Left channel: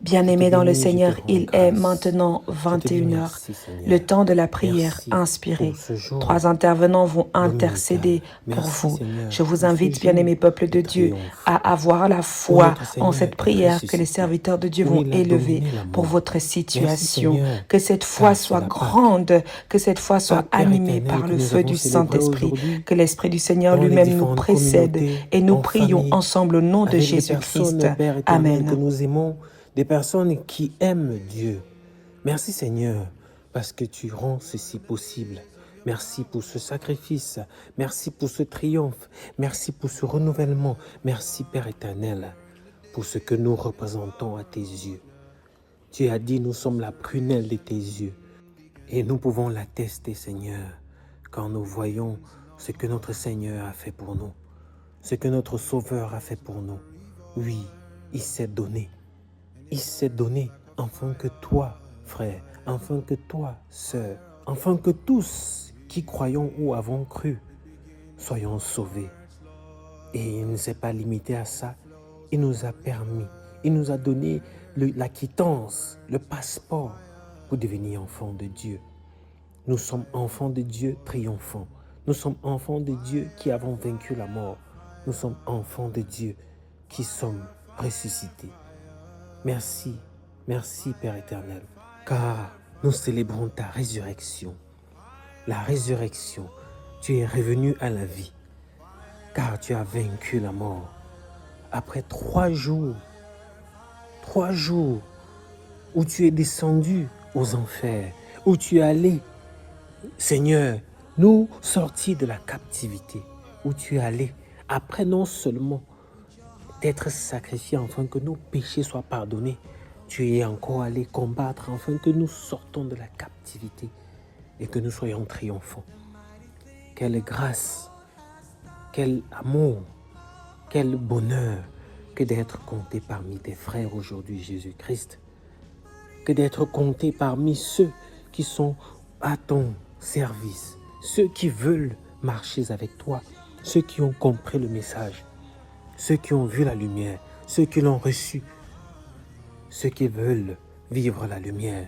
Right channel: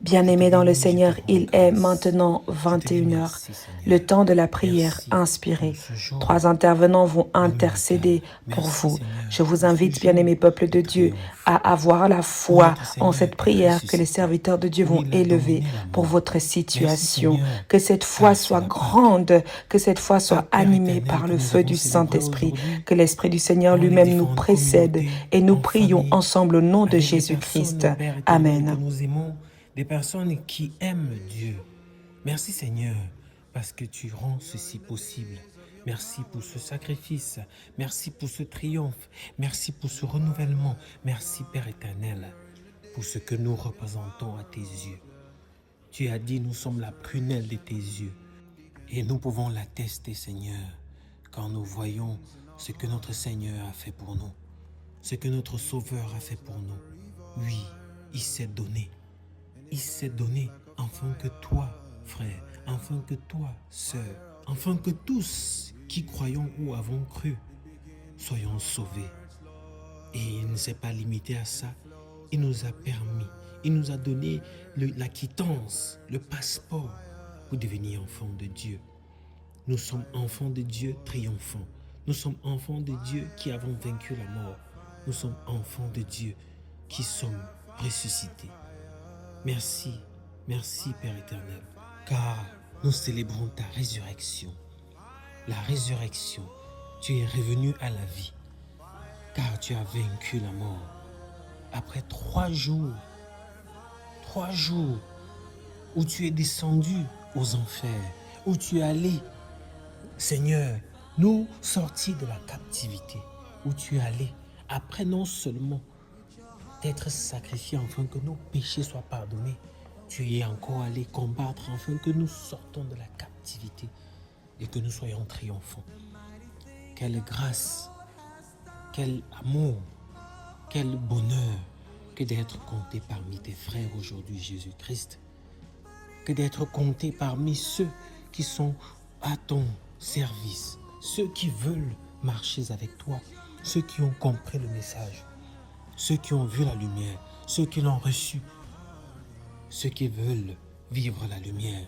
Bien-aimés dans le Seigneur, il est maintenant 21 heures, le temps de la prière inspirée. 3 intervenants vont intercéder pour vous. Je vous invite, bien-aimés peuple de Dieu, à avoir la foi en cette prière que les serviteurs de Dieu vont élever pour votre situation. Que cette foi soit grande, que cette foi soit animée par le feu du Saint-Esprit, que l'Esprit du Seigneur lui-même nous précède et nous prions ensemble au nom de Jésus-Christ. Amen. Nous aimons des personnes qui aiment Dieu. Merci Seigneur, parce que tu rends ceci possible. Merci pour ce sacrifice. Merci pour ce triomphe. Merci pour ce renouvellement. Merci Père éternel, pour ce que nous représentons à tes yeux. Tu as dit, nous sommes la prunelle de tes yeux. Et nous pouvons l'attester, Seigneur, quand nous voyons ce que notre Seigneur a fait pour nous, ce que notre Sauveur a fait pour nous. Oui, il s'est donné. Il s'est donné afin que toi, frère, afin que toi, sœur, afin que tous qui croyons ou avons cru soyons sauvés. Et il ne s'est pas limité à ça. Il nous a permis, il nous a donné la quittance, le passeport pour devenir enfants de Dieu. Nous sommes enfants de Dieu triomphants. Nous sommes enfants de Dieu qui avons vaincu la mort. Nous sommes enfants de Dieu qui sommes ressuscités. Merci, merci Père éternel, car nous célébrons ta résurrection. La résurrection, tu es revenu à la vie, car tu as vaincu la mort. Après 3 jours où tu es descendu aux enfers, où tu es allé, Seigneur, nous sortir de la captivité, où tu es allé, après non seulement d'être sacrifié afin que nos péchés soient pardonnés, tu es encore allé combattre afin que nous sortons de la captivité et que nous soyons triomphants. Quelle grâce, quel amour, quel bonheur que d'être compté parmi tes frères aujourd'hui, Jésus-Christ, que d'être compté parmi ceux qui sont à ton service, ceux qui veulent marcher avec toi, ceux qui ont compris le message, ceux qui ont vu la lumière, ceux qui l'ont reçu, ceux qui veulent vivre la lumière.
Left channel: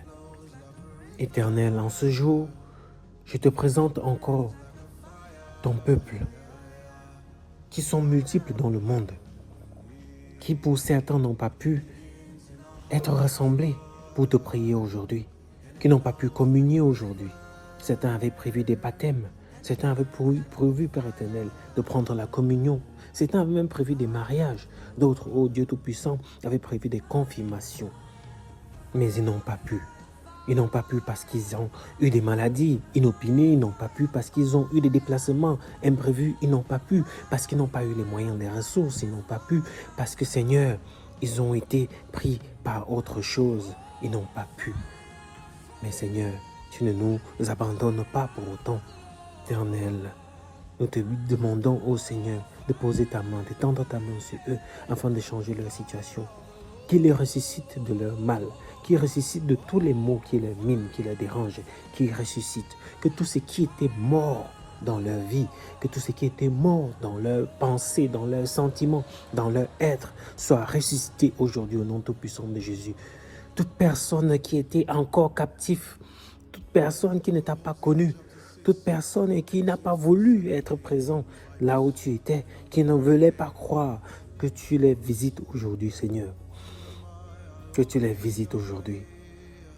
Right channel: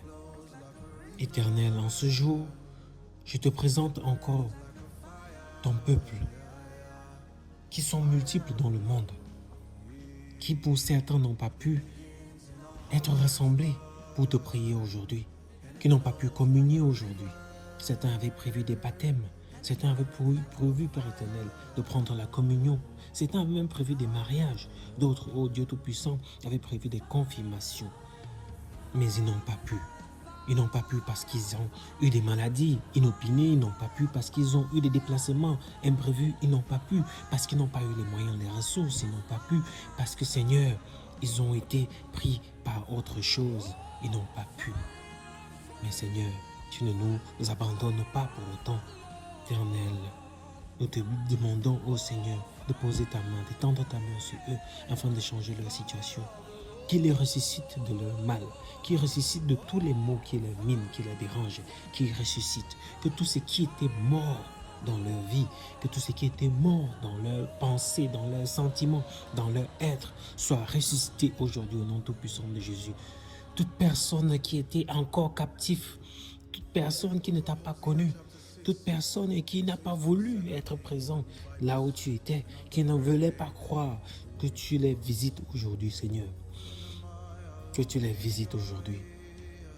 Éternel, en ce jour, je te présente encore ton peuple, qui sont multiples dans le monde, qui pour certains n'ont pas pu être rassemblés pour te prier aujourd'hui, qui n'ont pas pu communier aujourd'hui. Certains avaient prévu des baptêmes, certains avaient prévu, Père éternel, de prendre la communion. Certains avaient même prévu des mariages. D'autres, ô Dieu Tout-Puissant, avaient prévu des confirmations. Mais ils n'ont pas pu. Ils n'ont pas pu parce qu'ils ont eu des maladies inopinées. Ils n'ont pas pu parce qu'ils ont eu des déplacements imprévus. Ils n'ont pas pu parce qu'ils n'ont pas eu les moyens, les ressources. Ils n'ont pas pu parce que, Seigneur, ils ont été pris par autre chose. Ils n'ont pas pu. Mais Seigneur, tu ne nous abandonnes pas pour autant. Éternel, nous te demandons, ô Seigneur, de poser ta main, d'étendre ta main sur eux afin de changer leur situation. Qu'il les ressuscite de leur mal, qu'il ressuscite de tous les maux qui les minent, qui les dérangent, qu'il ressuscite. Que tout ce qui était mort dans leur vie, que tout ce qui était mort dans leurs pensées, dans leurs sentiments, dans leur être, soit ressuscité aujourd'hui au nom tout-puissant de Jésus. Toute personne qui était encore captive, toute personne qui ne t'a pas connu, toute personne qui n'a pas voulu être présent là où tu étais, qui ne voulait pas croire, que tu les visites aujourd'hui, Seigneur. Que tu les visites aujourd'hui.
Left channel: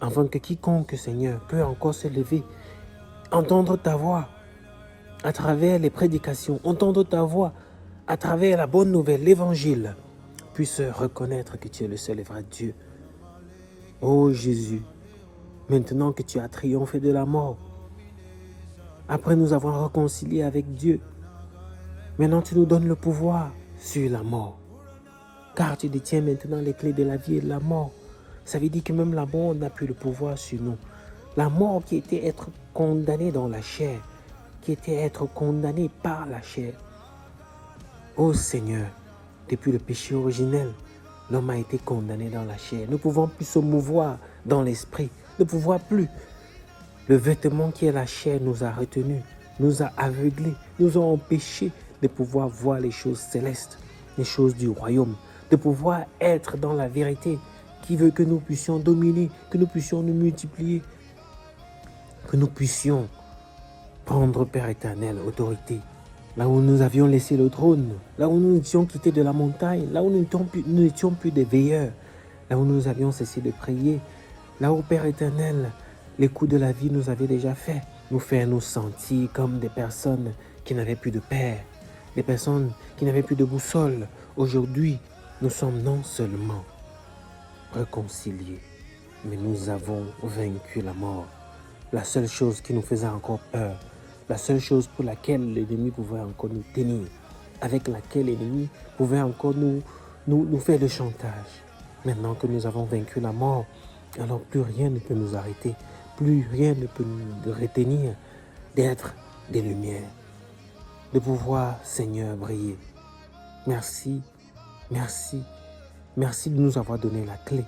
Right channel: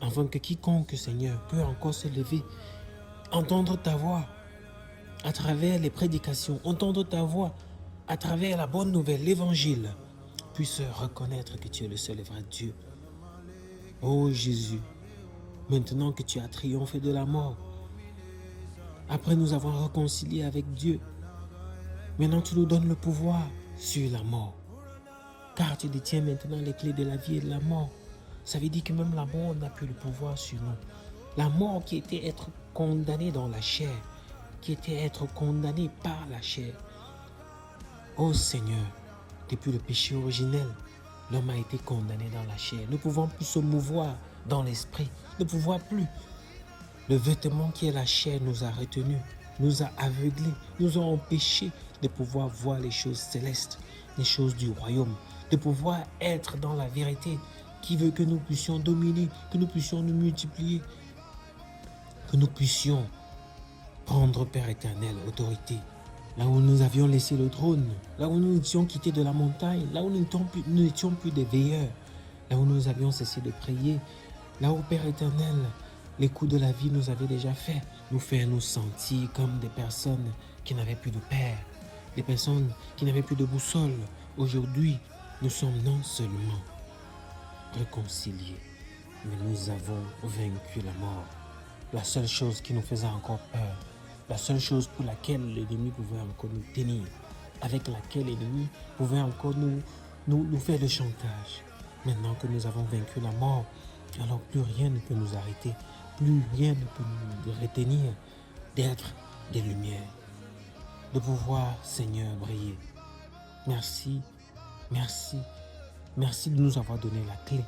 Afin que quiconque, Seigneur, peut encore se lever, entendre ta voix à travers les prédications, entendre ta voix à travers la bonne nouvelle, l'évangile, puisse reconnaître que tu es le seul et vrai Dieu. Oh Jésus, maintenant que tu as triomphé de la mort, après nous avoir réconciliés avec Dieu, maintenant tu nous donnes le pouvoir sur la mort. Car tu détiens maintenant les clés de la vie et de la mort. Ça veut dire que même la mort n'a plus le pouvoir sur nous. La mort qui était être condamnée dans la chair, qui était être condamnée par la chair. Oh Seigneur, depuis le péché originel, l'homme a été condamné dans la chair. Nous ne pouvons plus se mouvoir dans l'esprit. Nous ne pouvons plus. Le vêtement qui est la chair nous a retenus, nous a aveuglés, nous a empêchés de pouvoir voir les choses célestes, les choses du royaume, de pouvoir être dans la vérité qui veut que nous puissions dominer, que nous puissions nous multiplier, que nous puissions prendre, Père éternel, autorité. Là où nous avions laissé le trône, là où nous étions quittés de la montagne, là où nous n'étions plus des veilleurs, là où nous avions cessé de prier, là où, Père éternel, les coups de la vie nous avaient déjà fait, nous faire nous sentir comme des personnes qui n'avaient plus de père, des personnes qui n'avaient plus de boussole. Aujourd'hui, nous sommes non seulement réconciliés, mais nous avons vaincu la mort. La seule chose qui nous faisait encore peur, la seule chose pour laquelle l'ennemi pouvait encore nous tenir, avec laquelle l'ennemi pouvait encore nous faire le chantage. Maintenant que nous avons vaincu la mort, alors plus rien ne peut nous arrêter, plus rien ne peut nous retenir d'être des lumières, de pouvoir, Seigneur, briller. Merci, merci, merci de nous avoir donné la clé.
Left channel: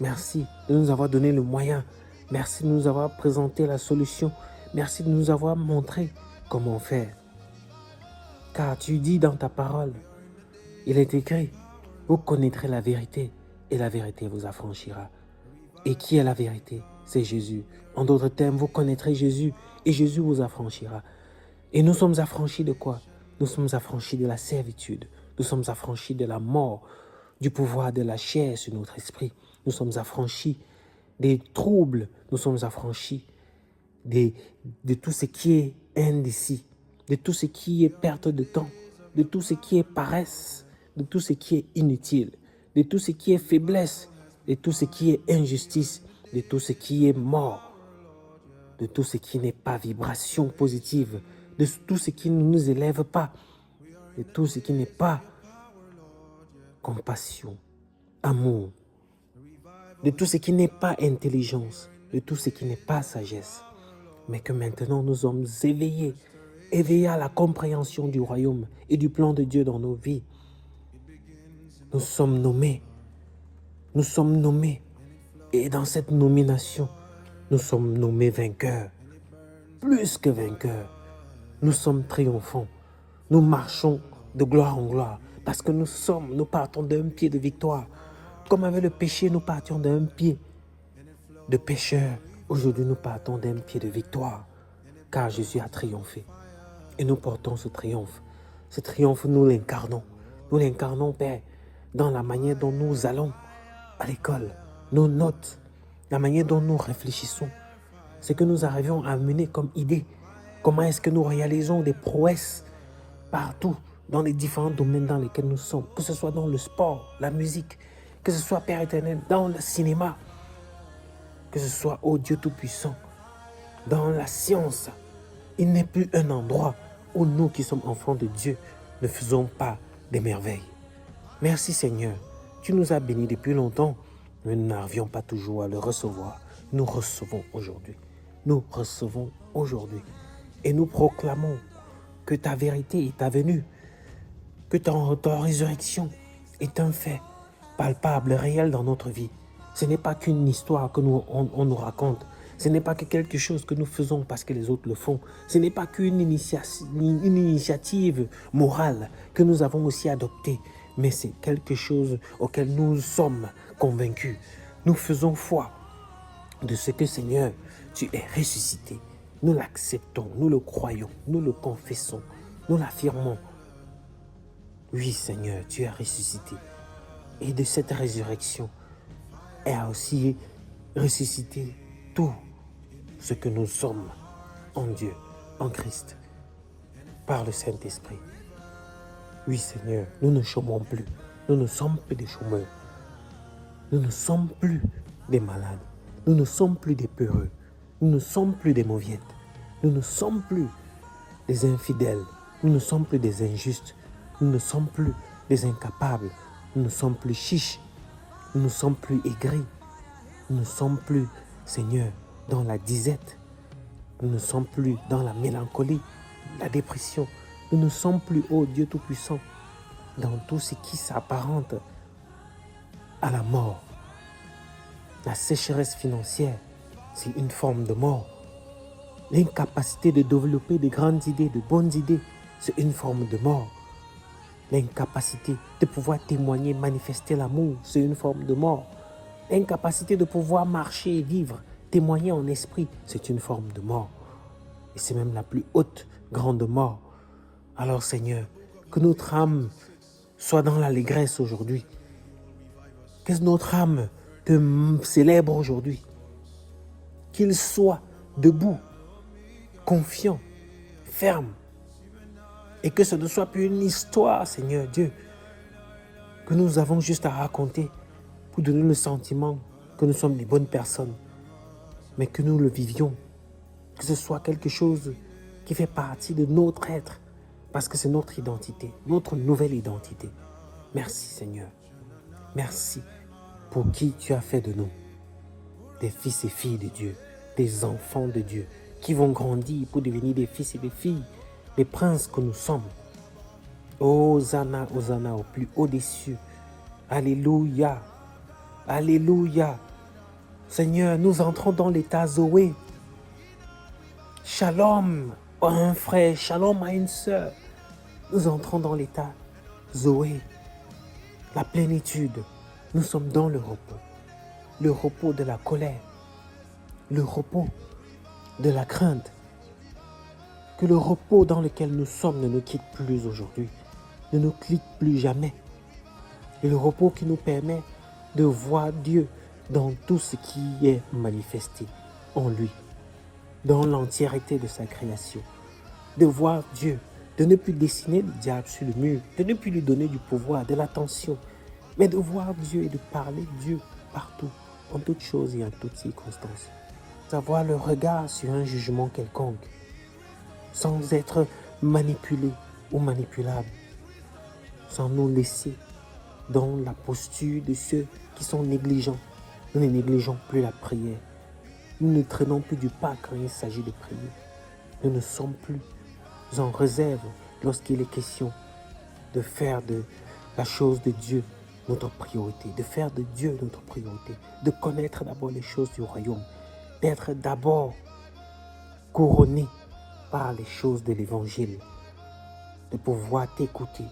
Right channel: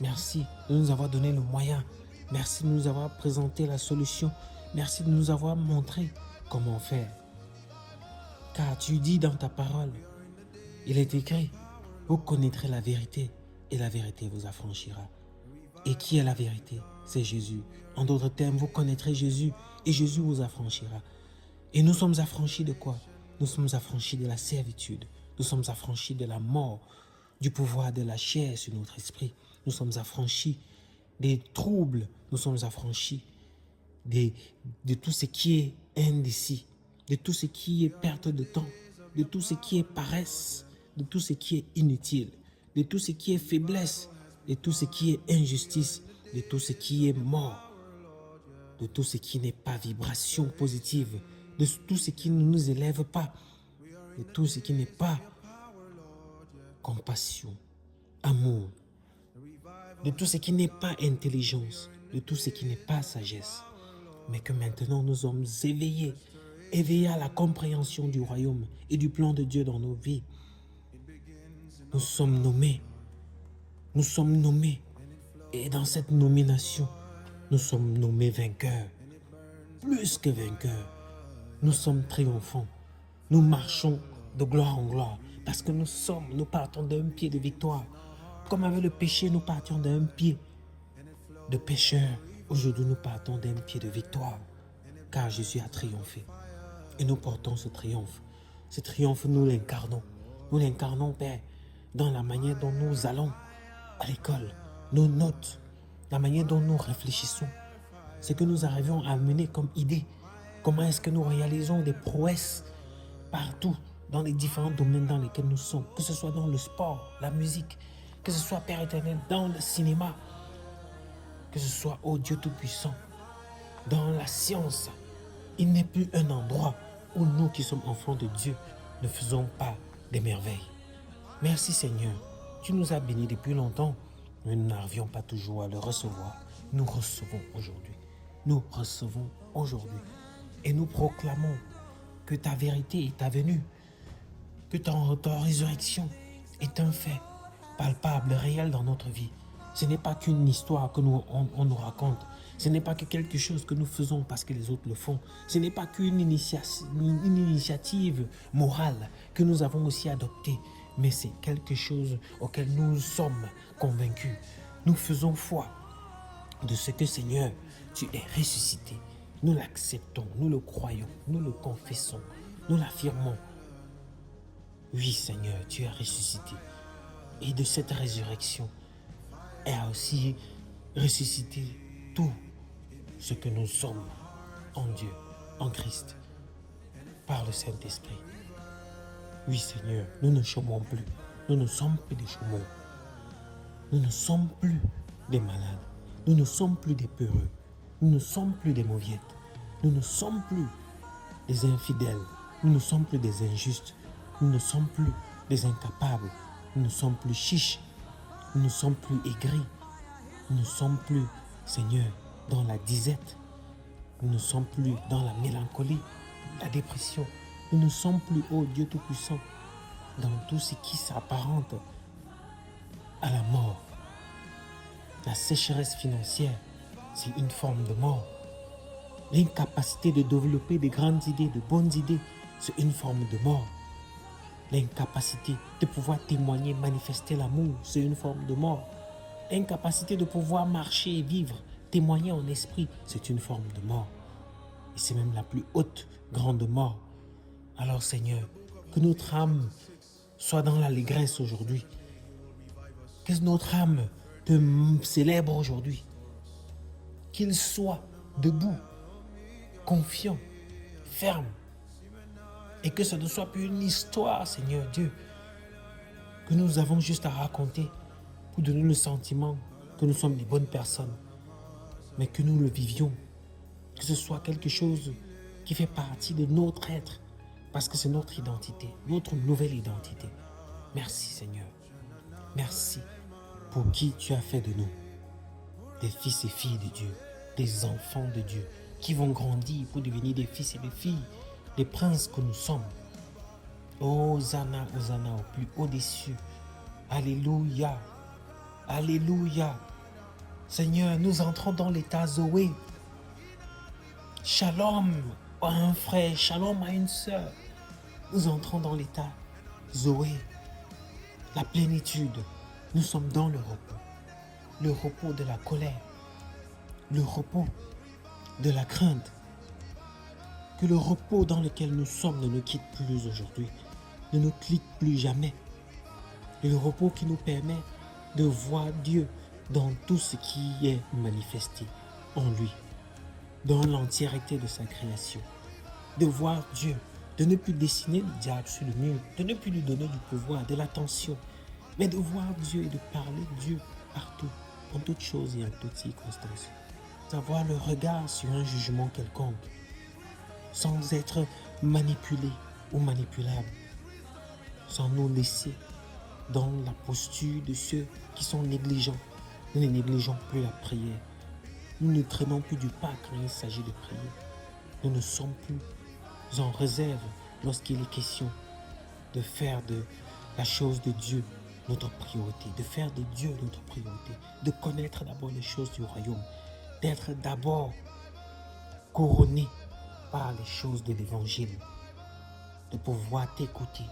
Merci de nous avoir donné le moyen. Merci de nous avoir présenté la solution. Merci de nous avoir montré comment faire. Car tu dis dans ta parole, il est écrit, vous connaîtrez la vérité et la vérité vous affranchira. Et qui est la vérité? C'est Jésus. En d'autres termes, vous connaîtrez Jésus et Jésus vous affranchira. Et nous sommes affranchis de quoi? Nous sommes affranchis de la servitude. Nous sommes affranchis de la mort, du pouvoir de la chair sur notre esprit. Nous sommes affranchis des troubles. Nous sommes affranchis de tout ce qui est indécis, de tout ce qui est perte de temps, de tout ce qui est paresse, de tout ce qui est inutile, de tout ce qui est faiblesse, de tout ce qui est injustice, de tout ce qui est mort, de tout ce qui n'est pas vibration positive, de tout ce qui ne nous élève pas, de tout ce qui n'est pas compassion, amour, de tout ce qui n'est pas intelligence, de tout ce qui n'est pas sagesse. Mais que maintenant nous sommes éveillés à la compréhension du royaume et du plan de Dieu dans nos vies. Nous sommes nommés. Et dans cette nomination, nous sommes nommés vainqueurs. Plus que vainqueurs, nous sommes triomphants. Nous marchons de gloire en gloire parce que nous partons d'un pied de victoire. Comme avec le péché, nous partions d'un pied de pécheur. Aujourd'hui, nous partons d'un pied de victoire, car Jésus a triomphé. Et nous portons ce triomphe. Ce triomphe, nous l'incarnons. Nous l'incarnons, Père, dans la manière dont nous allons à l'école, nos notes, la manière dont nous réfléchissons, ce que nous arrivons à mener comme idée. Comment est-ce que nous réalisons des prouesses partout, dans les différents domaines dans lesquels nous sommes, que ce soit dans le sport, la musique, que ce soit, Père éternel, dans le cinéma, que ce soit, ô Dieu Tout-Puissant, dans la science. Il n'est plus un endroit où nous qui sommes enfants de Dieu ne faisons pas des merveilles. Merci Seigneur, tu nous as bénis depuis longtemps, mais nous n'arrivions pas toujours à le recevoir. Nous recevons aujourd'hui. Nous recevons aujourd'hui. Et nous proclamons que ta vérité est ta venue, que ta résurrection est un fait palpable, réel dans notre vie. Ce n'est pas qu'une histoire que on nous raconte. Ce n'est pas que quelque chose que nous faisons parce que les autres le font. Ce n'est pas qu'une initiative morale que nous avons aussi adoptée. Mais c'est quelque chose auquel nous sommes convaincus. Nous faisons foi de ce que, Seigneur, tu es ressuscité. Nous l'acceptons, nous le croyons, nous le confessons, nous l'affirmons. Oui, Seigneur, tu es ressuscité. Et de cette résurrection, elle a aussi ressuscité tout ce que nous sommes en Dieu, en Christ, par le Saint-Esprit. Oui, Seigneur, nous ne chômons plus. Nous ne sommes plus des chômeurs. Nous ne sommes plus des malades. Nous ne sommes plus des peureux. Nous ne sommes plus des mauviettes. Nous ne sommes plus des infidèles. Nous ne sommes plus des injustes. Nous ne sommes plus des incapables. Nous ne sommes plus chiches. Nous ne sommes plus aigris. Nous ne sommes plus, Seigneur, dans la disette. Nous ne sommes plus dans la mélancolie, la dépression. Nous ne sommes plus, ô Dieu Tout-Puissant, dans tout ce qui s'apparente à la mort. La sécheresse financière, c'est une forme de mort. L'incapacité de développer de grandes idées, de bonnes idées, c'est une forme de mort. L'incapacité de pouvoir témoigner, manifester l'amour, c'est une forme de mort. incapacité de pouvoir marcher et vivre, témoigner en esprit, c'est une forme de mort. Et c'est même la plus haute, grande mort. Alors Seigneur, que notre âme soit dans l'allégresse aujourd'hui. Que notre âme te célèbre aujourd'hui. Qu'il soit debout, confiant, ferme. Et que ce ne soit plus une histoire, Seigneur Dieu, que nous avons juste à raconter pour donner le sentiment que nous sommes des bonnes personnes, mais que nous le vivions, que ce soit quelque chose qui fait partie de notre être, parce que c'est notre identité, notre nouvelle identité. Merci Seigneur, merci pour qui tu as fait de nous, des fils et filles de Dieu, des enfants de Dieu, qui vont grandir pour devenir des fils et des filles, les princes que nous sommes. Hosanna, Hosanna au plus haut des cieux. Alléluia, alléluia. Seigneur, nous entrons dans l'état Zoé. Shalom à un frère, shalom à une sœur. Nous entrons dans l'état Zoé, la plénitude. Nous sommes dans le repos de la colère, le repos de la crainte. Que le repos dans lequel nous sommes ne nous quitte plus aujourd'hui, ne nous quitte plus jamais. Et le repos qui nous permet de voir Dieu dans tout ce qui est manifesté en lui, dans l'entièreté de sa création. De voir Dieu, de ne plus dessiner le diable sur le mur, de ne plus lui donner du pouvoir, de l'attention, mais de voir Dieu et de parler Dieu partout, en toutes choses et en toutes circonstances. Avoir le regard sur un jugement quelconque, sans être manipulé ou manipulable, sans nous laisser dans la posture de ceux qui sont négligents. Nous ne négligeons plus la prière. Nous ne traînons plus du pas quand il s'agit de prier. Nous ne sommes plus en réserve lorsqu'il est question de faire de la chose de Dieu notre priorité, de faire de Dieu notre priorité, de connaître d'abord les choses du royaume, d'être d'abord couronné par les choses de l'évangile, de pouvoir t'écouter,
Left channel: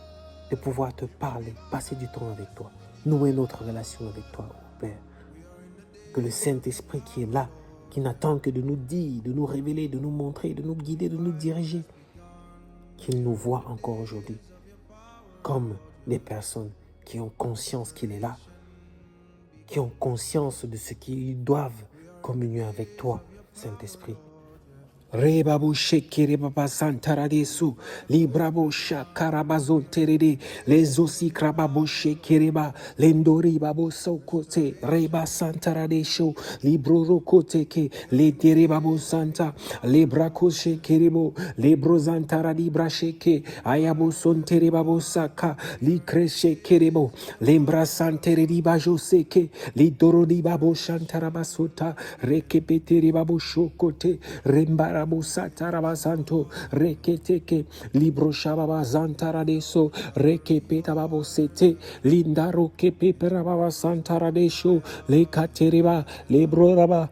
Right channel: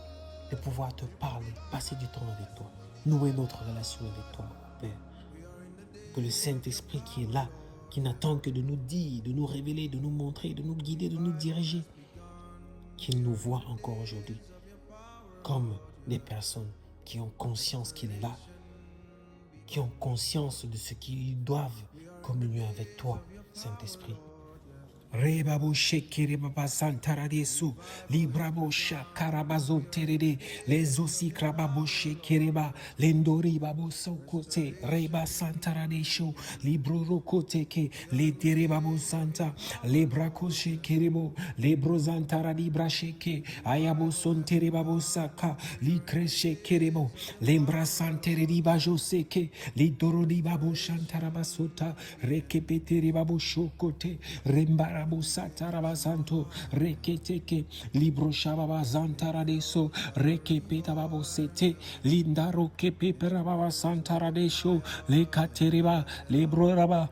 de pouvoir te parler, passer du temps avec toi, nouer notre relation avec toi, oh Père. Que le Saint-Esprit qui est là, qui n'attend que de nous dire, de nous révéler, de nous montrer, de nous guider, de nous diriger, qu'il nous voit encore aujourd'hui comme des personnes qui ont conscience qu'il est là, qui ont conscience de ce qu'ils doivent communier avec toi, Saint-Esprit. Rebabo shekere baba santaradesu librabo shakarabazo terede les osi krababo shekereba lendori babo sokote reba santaradesho libro rokoteke le terebabo santa lebrako shekerebo lebro zantaradi brasheke ayabo sonterebabo saka li kreshe kerebo lembra santeredi bajo seke li dorodi babo shantarabasuta rekepetere babo shokote rembara Satarabasanto, Reketeke, Libro Shababa Zantaradeso, Rekepeta Babo Sete, Lindaro Kepeperababa Santaradesho, Le Katereba, Lebro Raba.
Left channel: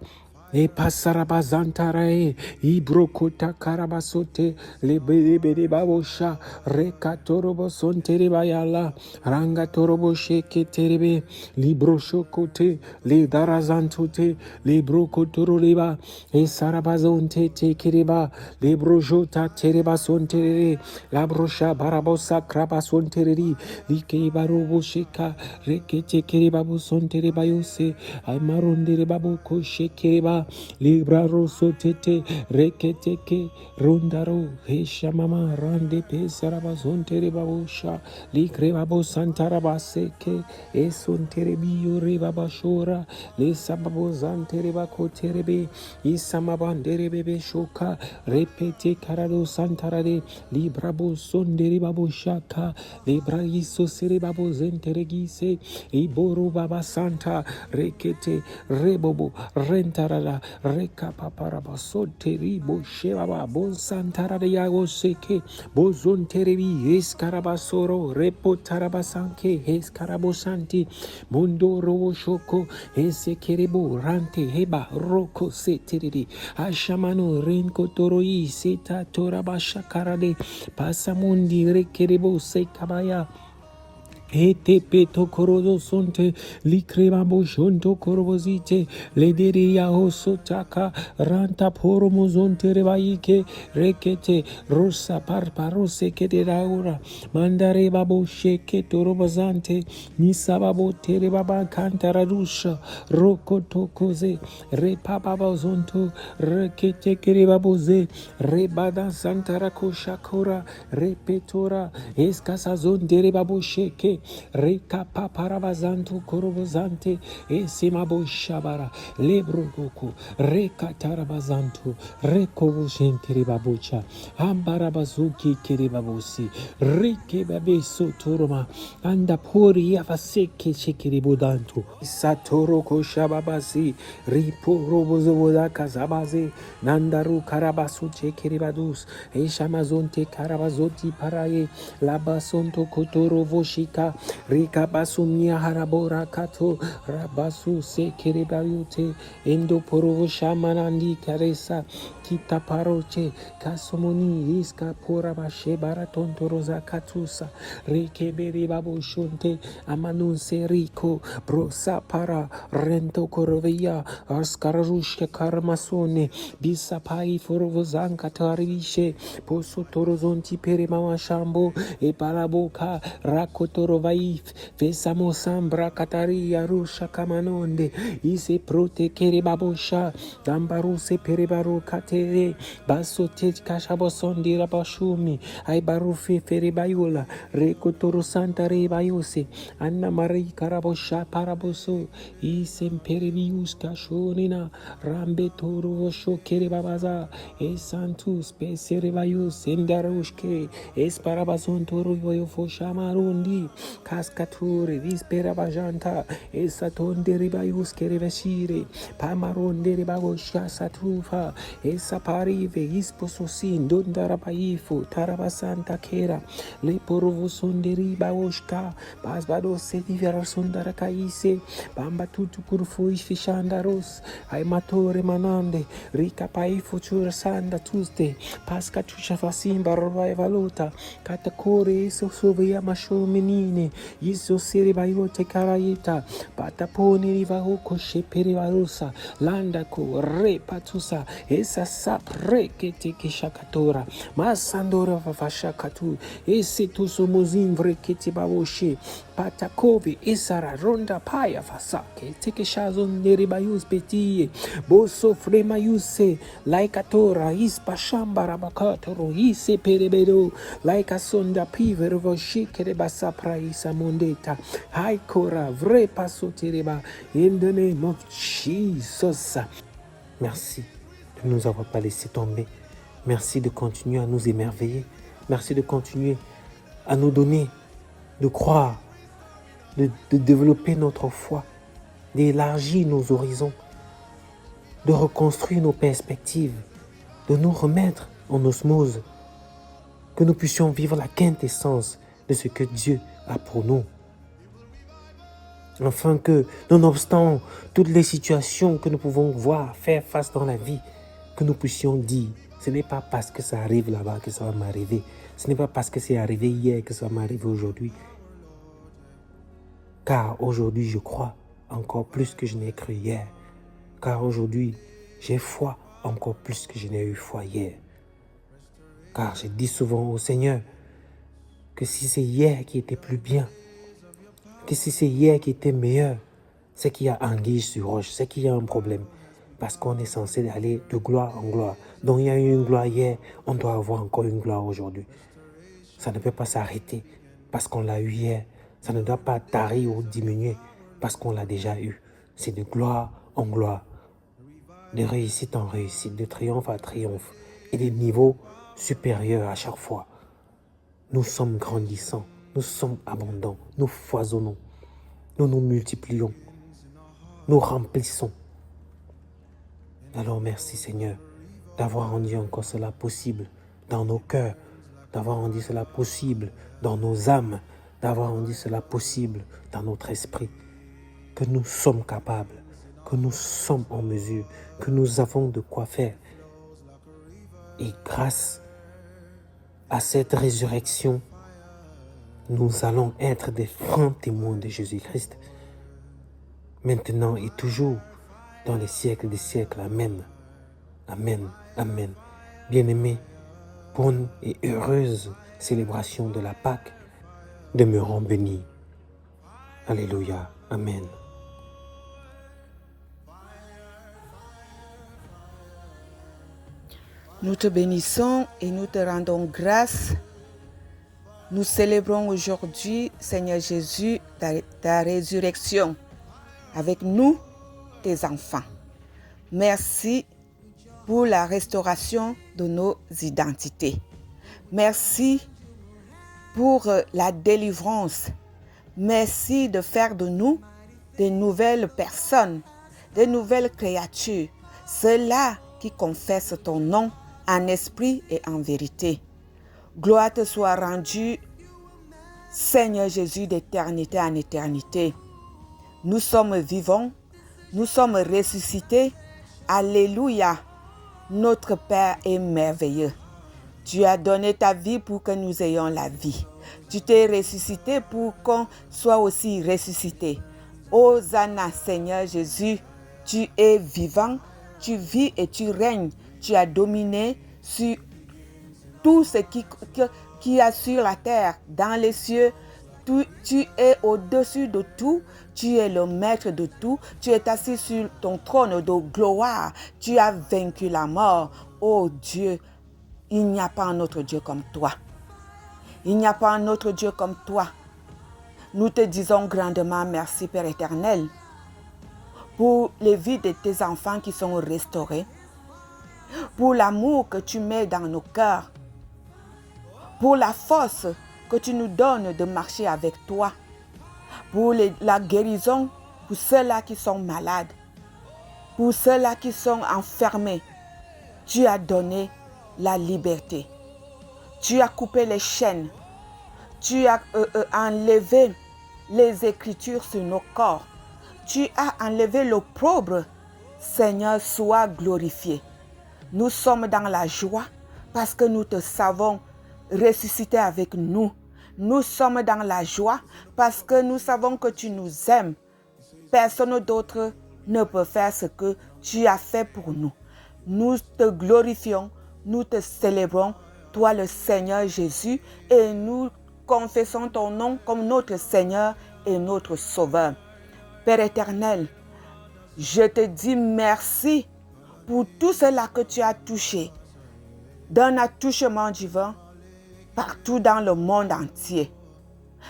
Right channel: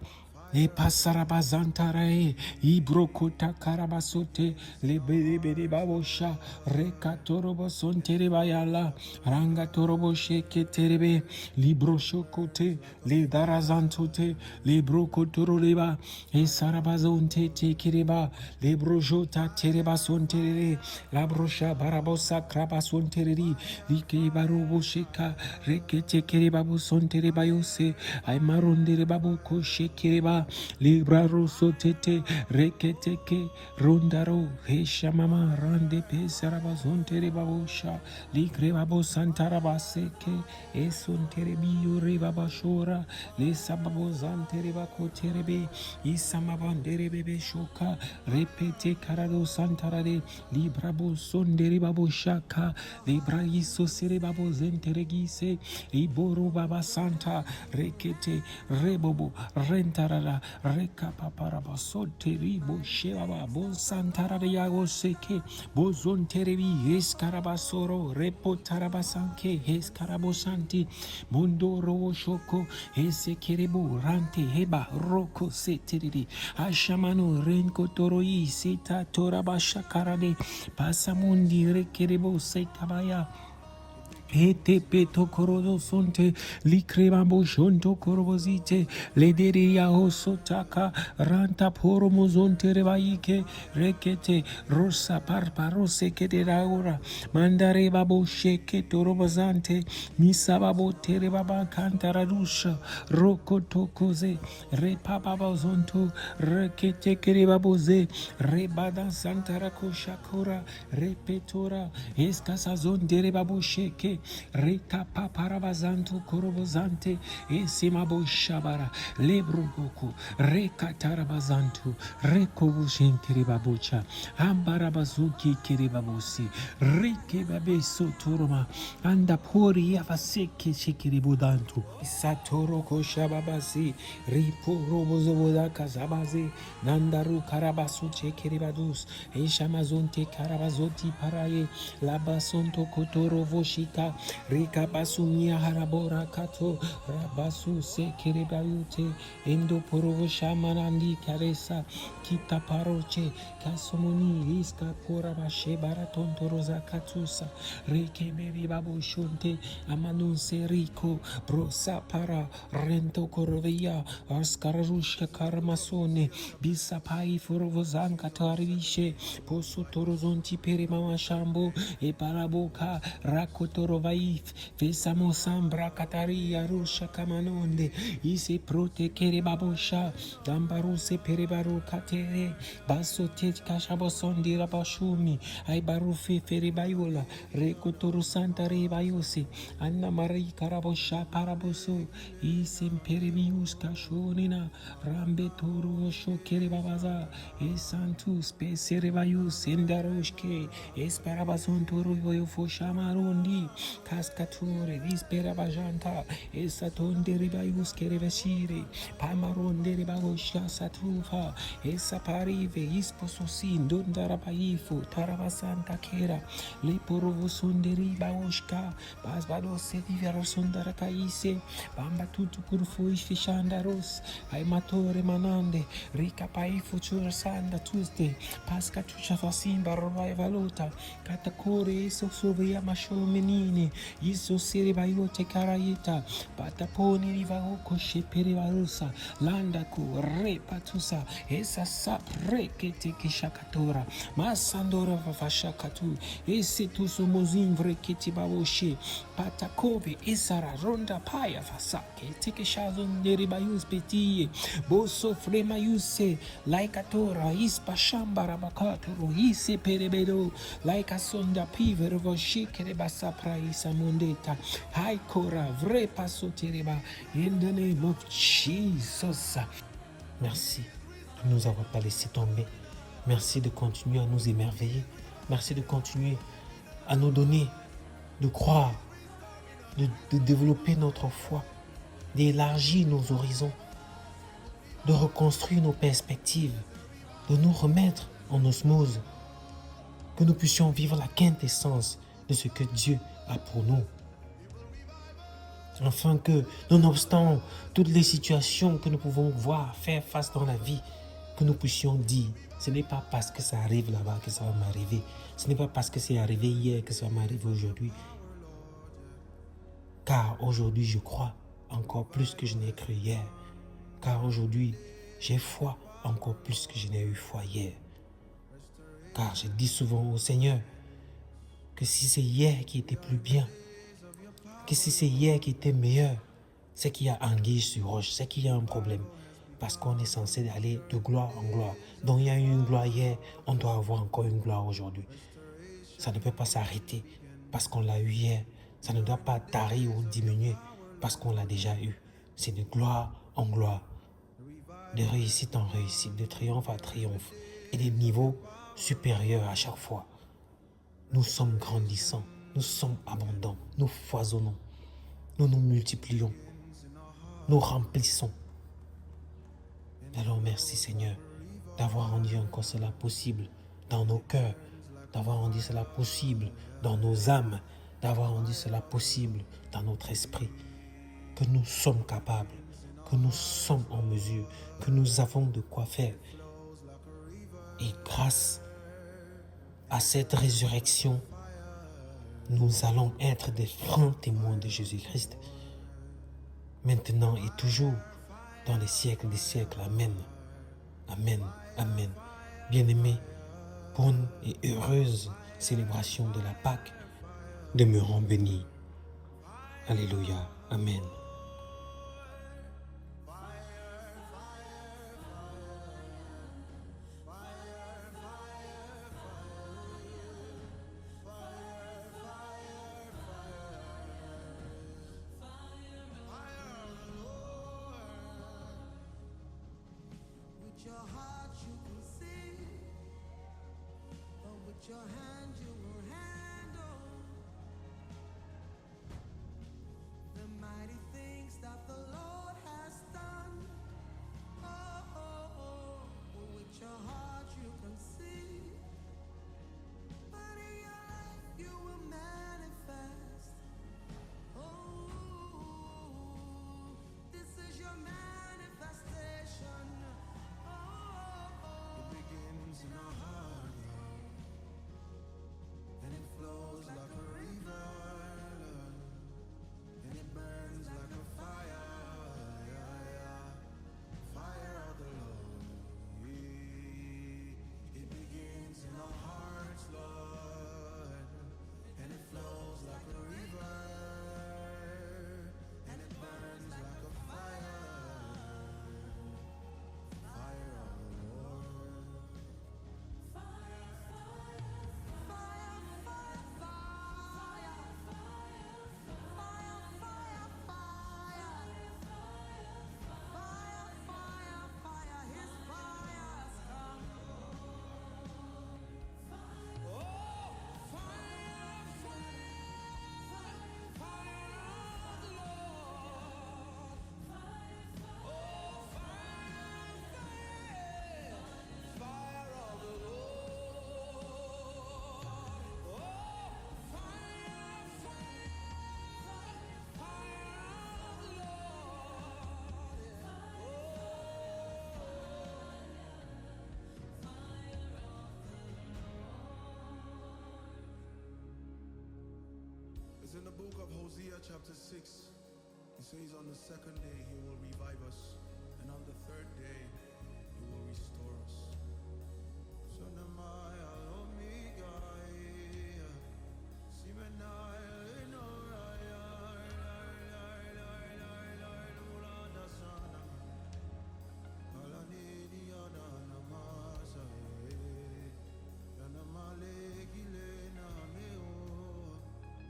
Le pasarabazantarae, ibrokota karabasote, le bede babosha, rekatorobo sonterebayala, rangatorobo sheke terebe, libro shokote, le darazantote, le brokotoroleba, e sarabazonte tekereba, le brojota tereba sonterere, la brosha barabosa krabasontereri, like barobo sheka, rekete kerebabo sonterebayose, aimarondere baboko shekereba. Libra rosso tete reketeke rondaro hesha mama rande pesarabazonte rebabosha likrebabo santarabaseke esontere biyo rebabashora le sababozante rebakoterebe isamabandere bebe shoka repete karado santarade librabo sondere baboshaka libra iso serebabo zenteregise iboro baba santa rekete rebobo rentarada reka paparaba soteribo shebaba bon santara de yago seke bozon terebi escarabasoro repo tarabasanke escarabosanti mondo robo shoko esekerebo rante heba roko seteridi ashamano renko toroi seta torabasha karade pasamundi rekerebo sekabaya Ete peto korodo sonte likrema boshonto korobozite lederi yahoso taka ranta poromo zonte rebaike rekete rosa parparose kete raura mandare babo sheke torobazante misababo tere baba kantaradusha roko tokoze repababa zonto rekete kere baboze rebada santarako shakora repetora eskasa zondere babo sheke Reka paparavazanto korobozante esimabo shabara lebrogoko reka taravazanto rekovo shentere babocha ambarabazuki kiribabosi reke babeso toroma anda pori avaseke shekiribodanto satoro koshababasi ripo robozoboda kazabaze nandaru karabasu chekiribadus eshamazonte karavazoti paraye labasonto kotoro voshika Rika basumia harabora kato rabasu se kerebayute endo porovo shamanandi karesa kita paroche kasomoni iska pora bashe baratonto rosa katusa rike beri babo shonte amanun seriko brosa para rento korovia askararushka karmasone bisa pai forovozanka tarishe poso torozonti pere mama shambo e paraboka rakotoro vaif fesamo sambra kataria rusha kamanonde ise prote kere babosha dambaruse perebaru katere baso tej kashabosondi rabashumi ay barufe ferebayula rekotoro santa rebayose anna mari karabosha paraboso ise perebius kashonina rambe toro vosho kere babaza e santus peserebayus endarushke es parabason toro voyo foshamarundi Cascature, vispera bajanta, esatonde ribayus kerevashire, pamaronde ribagosha satrufa, esa parive, ispososin, dondarabaifu, tarabasanta kera, le porovosonde ribaoshka, basbado setivera sondarakaise, bamba tutu kurfui fishandaros, aimatore manande, rica paifu sanda tuste, pasca tuchafasimba valuta, katacore eso sovia mashomenine, Iso seribayo tekarayeta pataponi rivahuko sheperivarusa landako repatusa esa sap rekete kishakatora masandora vavashakatu ese tusumuzin vrekete bawoshe patakove esara ronda paya fasake tekeshazon neribayus petie boso fremayuse laikatora ispa shambara bakatoro ise perebedo laika sonda piver voshikere basapra Mondeta. Hi Kora, vrai pasotereba. In the name of Jesus. Merci de ne nous avoir pas laissé tomber. Merci de continuer à nous émerveiller. Merci de continuer à nous donner, de croire, de développer notre foi, d'élargir nos horizons, de reconstruire nos perspectives, de nous remettre en osmose, que nous puissions vivre la quintessence de ce que Dieu a pour nous. Afin que, nonobstant toutes les situations que nous pouvons voir, faire face dans la vie, que nous puissions dire, ce n'est pas parce que ça arrive là-bas que ça va m'arriver. Ce n'est pas parce que c'est arrivé hier que ça va m'arriver aujourd'hui. Car aujourd'hui, je crois encore plus que je n'ai cru hier. Car aujourd'hui, j'ai foi encore plus que je n'ai eu foi hier. Car je dis souvent au Seigneur, que si c'est hier qui était plus bien, que si c'est hier qui était meilleur, c'est qu'il y a anguille sur roche, c'est qu'il y a un problème. Parce qu'on est censé aller de gloire en gloire. Donc il y a eu une gloire hier, on doit avoir encore une gloire aujourd'hui. Ça ne peut pas s'arrêter parce qu'on l'a eu hier. Ça ne doit pas tarir ou diminuer parce qu'on l'a déjà eu. C'est de gloire en gloire, de réussite en réussite, de triomphe à triomphe et des niveaux supérieurs à chaque fois. Nous sommes grandissants, nous sommes abondants, nous foisonnons, nous nous multiplions, nous remplissons. Alors merci Seigneur d'avoir rendu encore cela possible dans nos cœurs, d'avoir rendu cela possible dans nos âmes, d'avoir rendu cela possible dans notre esprit, que nous sommes capables, que nous sommes en mesure, que nous avons de quoi faire. Et grâce à cette résurrection, nous allons être des francs témoins de Jésus-Christ, maintenant et toujours, dans les siècles des siècles. Amen. Amen. Amen. Bien-aimés, bonne et heureuse célébration de la Pâque. Demeurons bénis. Alléluia. Amen. Nous te bénissons et nous te rendons grâce. Nous célébrons aujourd'hui, Seigneur Jésus, ta résurrection avec nous, tes enfants. Merci pour la restauration de nos identités. Merci pour la délivrance. Merci de faire de nous des nouvelles personnes, des nouvelles créatures, ceux-là qui confessent ton nom en esprit et en vérité. Gloire te soit rendue, Seigneur Jésus, d'éternité en éternité. Nous sommes vivants, nous sommes ressuscités. Alléluia, notre Père est merveilleux. Tu as donné ta vie pour que nous ayons la vie. Tu t'es ressuscité pour qu'on soit aussi ressuscité. Hosanna, Seigneur Jésus, tu es vivant, tu vis et tu règnes. Tu as dominé sur tout ce qui a sur la terre, dans les cieux. Tu es au-dessus de tout. Tu es le maître de tout. Tu es assis sur ton trône de gloire. Tu as vaincu la mort. Oh Dieu, il n'y a pas un autre Dieu comme toi. Il n'y a pas un autre Dieu comme toi. Nous te disons grandement merci, Père éternel, pour les vies de tes enfants qui sont restaurés, pour l'amour que tu mets dans nos cœurs, pour la force que tu nous donnes de marcher avec toi, pour la guérison pour ceux-là qui sont malades, pour ceux-là qui sont enfermés. Tu as donné la liberté. Tu as coupé les chaînes. Tu as enlevé les écritures sur nos corps. Tu as enlevé l'opprobre. Seigneur, sois glorifié. Nous sommes dans la joie parce que nous te savons ressuscité avec nous. Nous sommes dans la joie parce que nous savons que tu nous aimes. Personne d'autre ne peut faire ce que tu as fait pour nous. Nous te glorifions, nous te célébrons, toi le Seigneur Jésus, et nous confessons ton nom comme notre Seigneur et notre Sauveur. Père éternel, je te dis merci pour tout cela que tu as touché d'un attouchement divin partout dans le monde entier.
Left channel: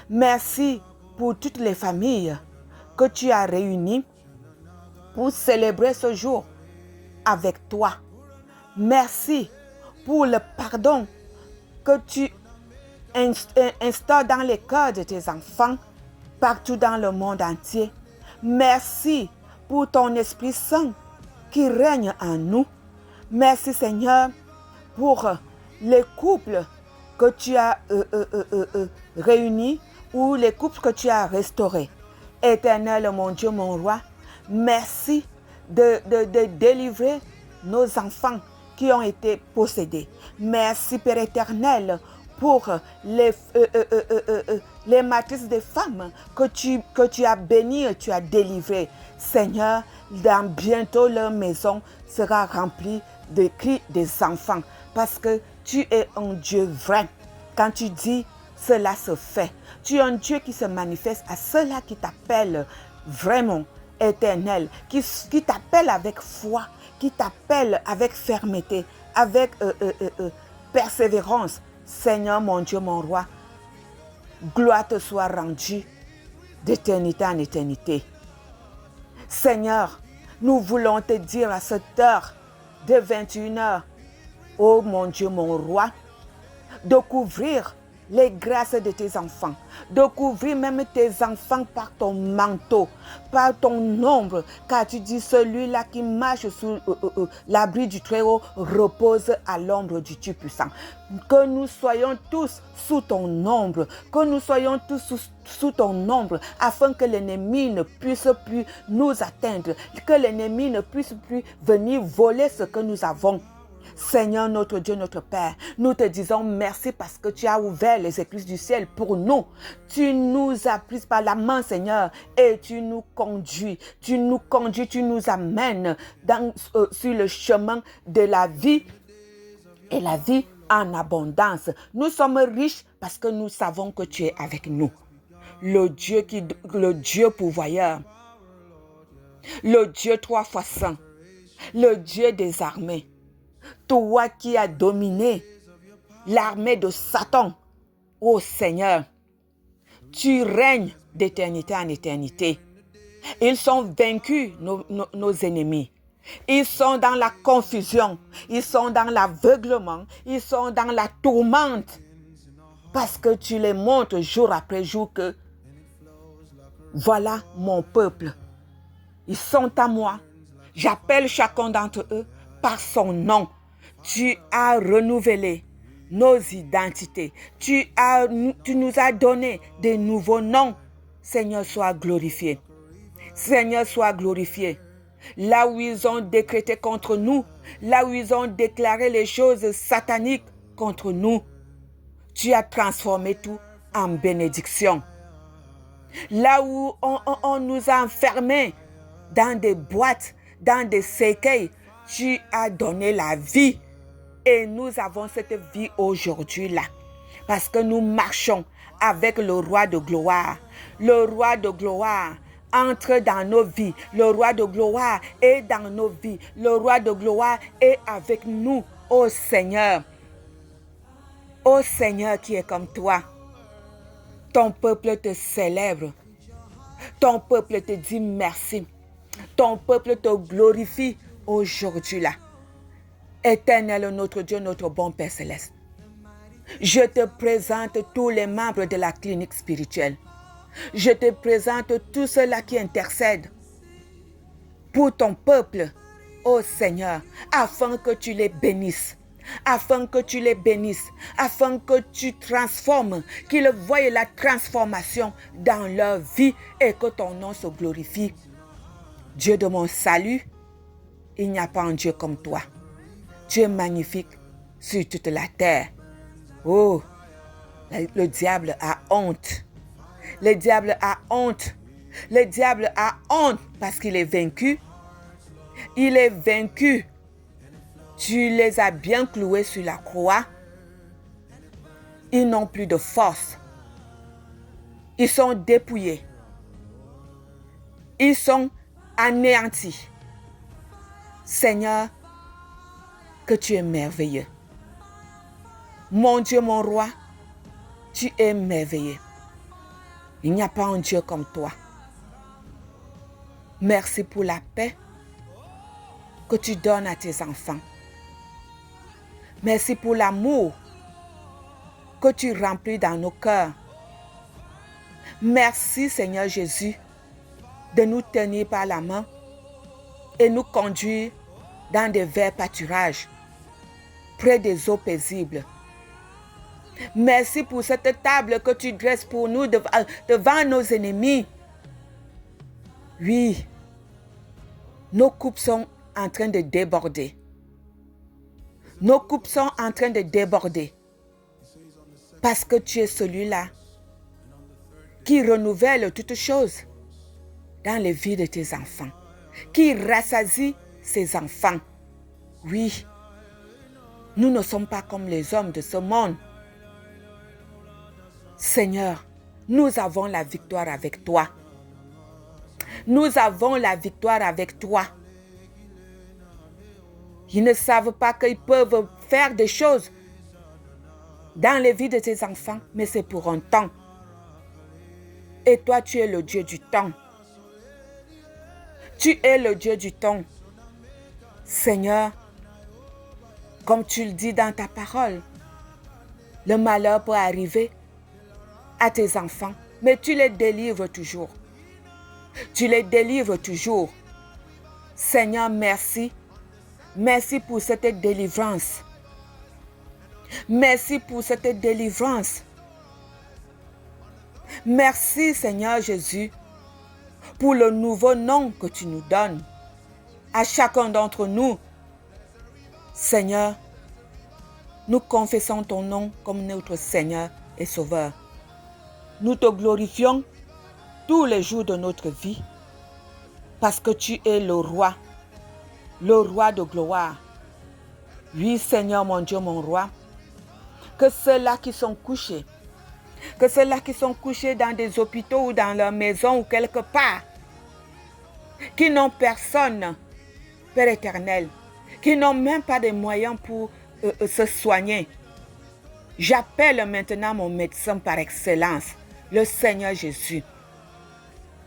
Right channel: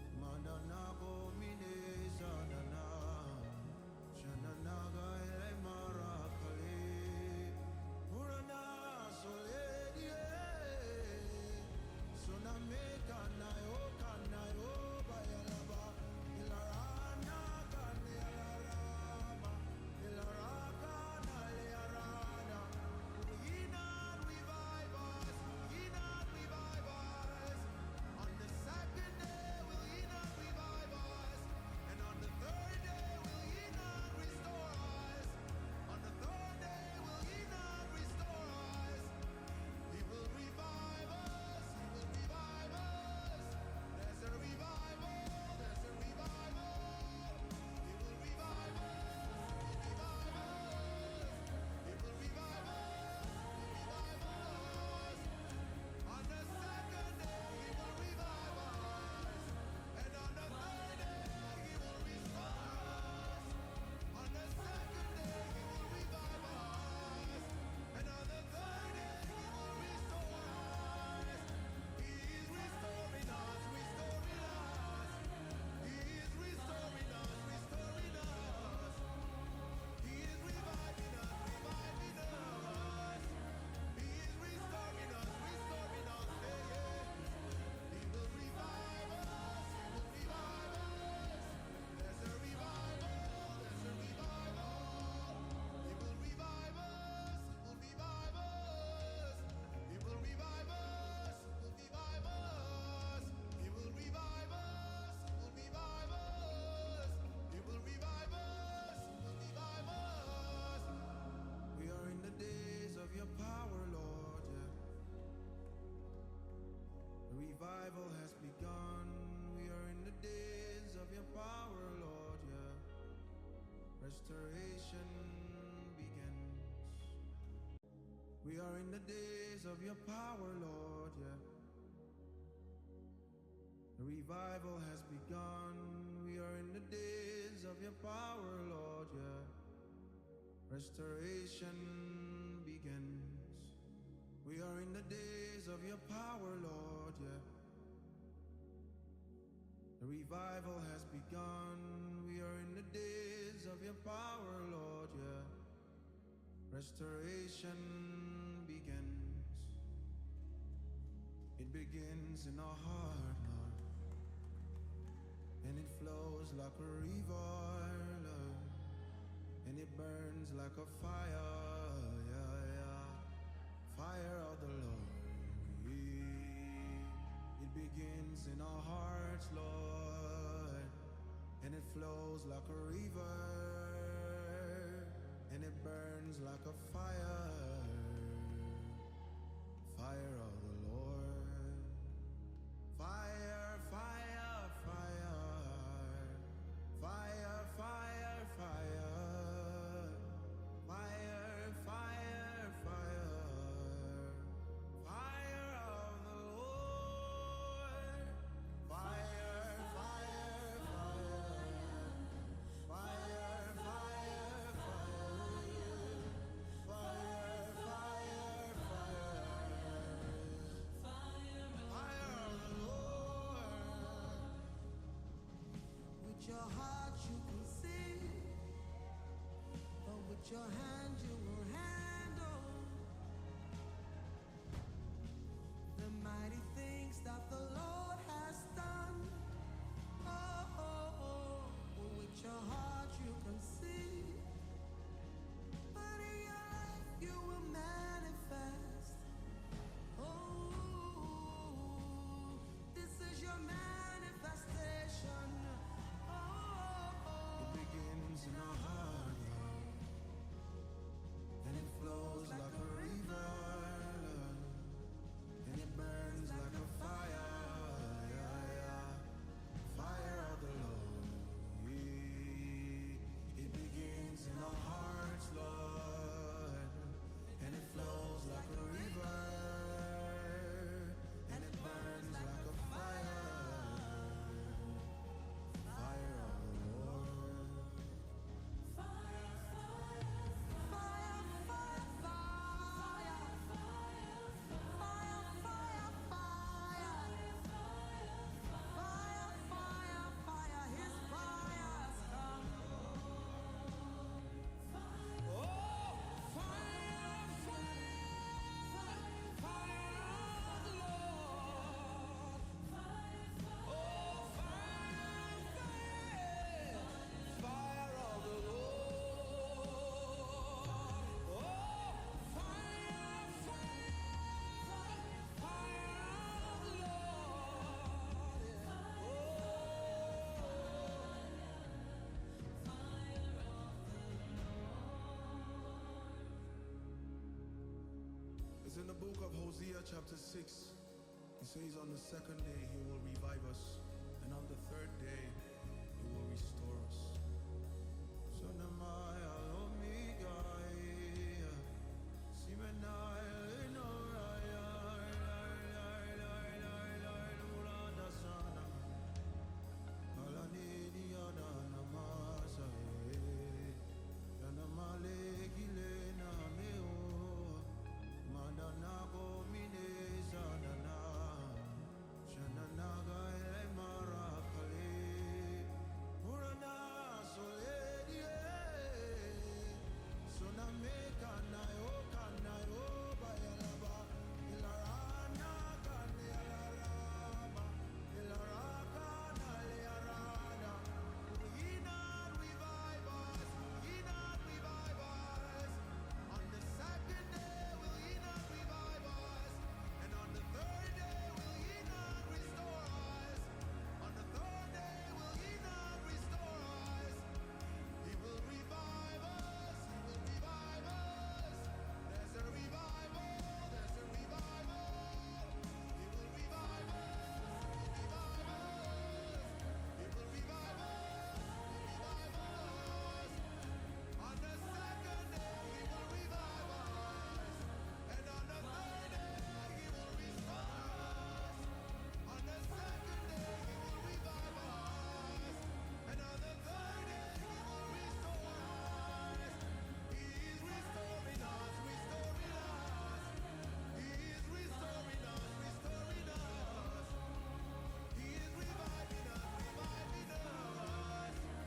Merci pour toutes les familles que tu as réunies pour célébrer ce jour avec toi. Merci pour le pardon que tu instaures dans les cœurs de tes enfants partout dans le monde entier. Merci pour ton Esprit Saint qui règne en nous. Merci Seigneur pour les couples que tu as réunis ou les couples que tu as restaurés. Éternel, mon Dieu, mon roi, merci de délivrer nos enfants qui ont été possédés. Merci Père éternel pour les matrices des femmes que tu as bénies et tu as délivrées. Seigneur, dans bientôt leur maison sera remplie de cris des enfants parce que tu es un Dieu vrai. Quand tu dis, cela se fait. Tu es un Dieu qui se manifeste à ceux-là qui t'appellent vraiment éternel, qui t'appellent avec foi, qui t'appellent avec fermeté, avec persévérance. Seigneur, mon Dieu, mon roi, gloire te soit rendue d'éternité en éternité. Seigneur, nous voulons te dire à cette heure de 21h, oh mon Dieu, mon roi, de couvrir les grâces de tes enfants, de couvrir même tes enfants par ton manteau, par ton ombre, car tu dis celui-là qui marche sous l'abri du Très-Haut repose à l'ombre du Tout-Puissant. Que nous soyons tous sous ton ombre, que nous soyons tous sous ton ombre, afin que l'ennemi ne puisse plus nous atteindre, que l'ennemi ne puisse plus venir voler ce que nous avons. Seigneur, notre Dieu, notre Père, nous te disons merci parce que tu as ouvert les écluses du ciel pour nous. Tu nous as pris par la main, Seigneur, et tu nous conduis. Tu nous conduis, tu nous amènes sur le chemin de la vie et la vie en abondance. Nous sommes riches parce que nous savons que tu es avec nous. Le Dieu pourvoyeur, le Dieu 3 fois saint, le Dieu des armées, toi qui as dominé l'armée de Satan, ô Seigneur, tu règnes d'éternité en éternité. Ils sont vaincus, nos ennemis. Ils sont dans la confusion, ils sont dans l'aveuglement, ils sont dans la tourmente. Parce que tu les montres jour après jour que voilà mon peuple. Ils sont à moi. J'appelle chacun d'entre eux par son nom. Tu as renouvelé nos identités. Tu nous as donné des nouveaux noms. Seigneur, sois glorifié. Seigneur, sois glorifié. Là où ils ont décrété contre nous, là où ils ont déclaré les choses sataniques contre nous, tu as transformé tout en bénédiction. Là où on nous a enfermés dans des boîtes, dans des cercueils, tu as donné la vie. Et nous avons cette vie aujourd'hui-là. Parce que nous marchons avec le roi de gloire. Le roi de gloire entre dans nos vies. Le roi de gloire est dans nos vies. Le roi de gloire est avec nous, ô Seigneur. Ô Seigneur qui est comme toi. Ton peuple te célèbre. Ton peuple te dit merci. Ton peuple te glorifie aujourd'hui-là. Éternel, notre Dieu, notre bon Père Céleste. Je te présente tous les membres de la clinique spirituelle. Je te présente tous ceux-là qui intercèdent pour ton peuple, ô Seigneur, afin que tu les bénisses. Afin que tu les bénisses, afin que tu transformes, qu'ils voient la transformation dans leur vie et que ton nom se glorifie. Dieu de mon salut, il n'y a pas un Dieu comme toi. Tu es magnifique sur toute la terre. Oh, le diable a honte. Le diable a honte. Le diable a honte parce qu'il est vaincu. Il est vaincu. Tu les as bien cloués sur la croix. Ils n'ont plus de force. Ils sont dépouillés. Ils sont anéantis. Seigneur, que tu es merveilleux. Mon Dieu, mon roi, tu es merveilleux. Il n'y a pas un Dieu comme toi. Merci pour la paix que tu donnes à tes enfants. Merci pour l'amour que tu remplis dans nos cœurs. Merci, Seigneur Jésus, de nous tenir par la main et nous conduire dans des verts pâturages, près des eaux paisibles. Merci pour cette table que tu dresses pour nous devant nos ennemis. Oui, nos coupes sont en train de déborder. Nos coupes sont en train de déborder. Parce que tu es celui-là qui renouvelle toutes choses dans les vies de tes enfants. Qui rassasie ses enfants. Oui, nous ne sommes pas comme les hommes de ce monde. Seigneur, nous avons la victoire avec toi. Nous avons la victoire avec toi. Ils ne savent pas qu'ils peuvent faire des choses dans les vies de tes enfants, mais c'est pour un temps. Et toi, tu es le Dieu du temps. Tu es le Dieu du temps. Seigneur, comme tu le dis dans ta parole, le malheur peut arriver à tes enfants, mais tu les délivres toujours. Tu les délivres toujours. Seigneur, merci. Merci pour cette délivrance. Merci pour cette délivrance. Merci, Seigneur Jésus, pour le nouveau nom que tu nous donnes à chacun d'entre nous. Seigneur, nous confessons ton nom comme notre Seigneur et Sauveur. Nous te glorifions tous les jours de notre vie parce que tu es le roi de gloire. Oui, Seigneur, mon Dieu, mon roi, que ceux-là qui sont couchés, dans des hôpitaux ou dans leur maison ou quelque part, qui n'ont personne, Père éternel, qui n'ont même pas de moyens pour se soigner. J'appelle maintenant mon médecin par excellence, le Seigneur Jésus.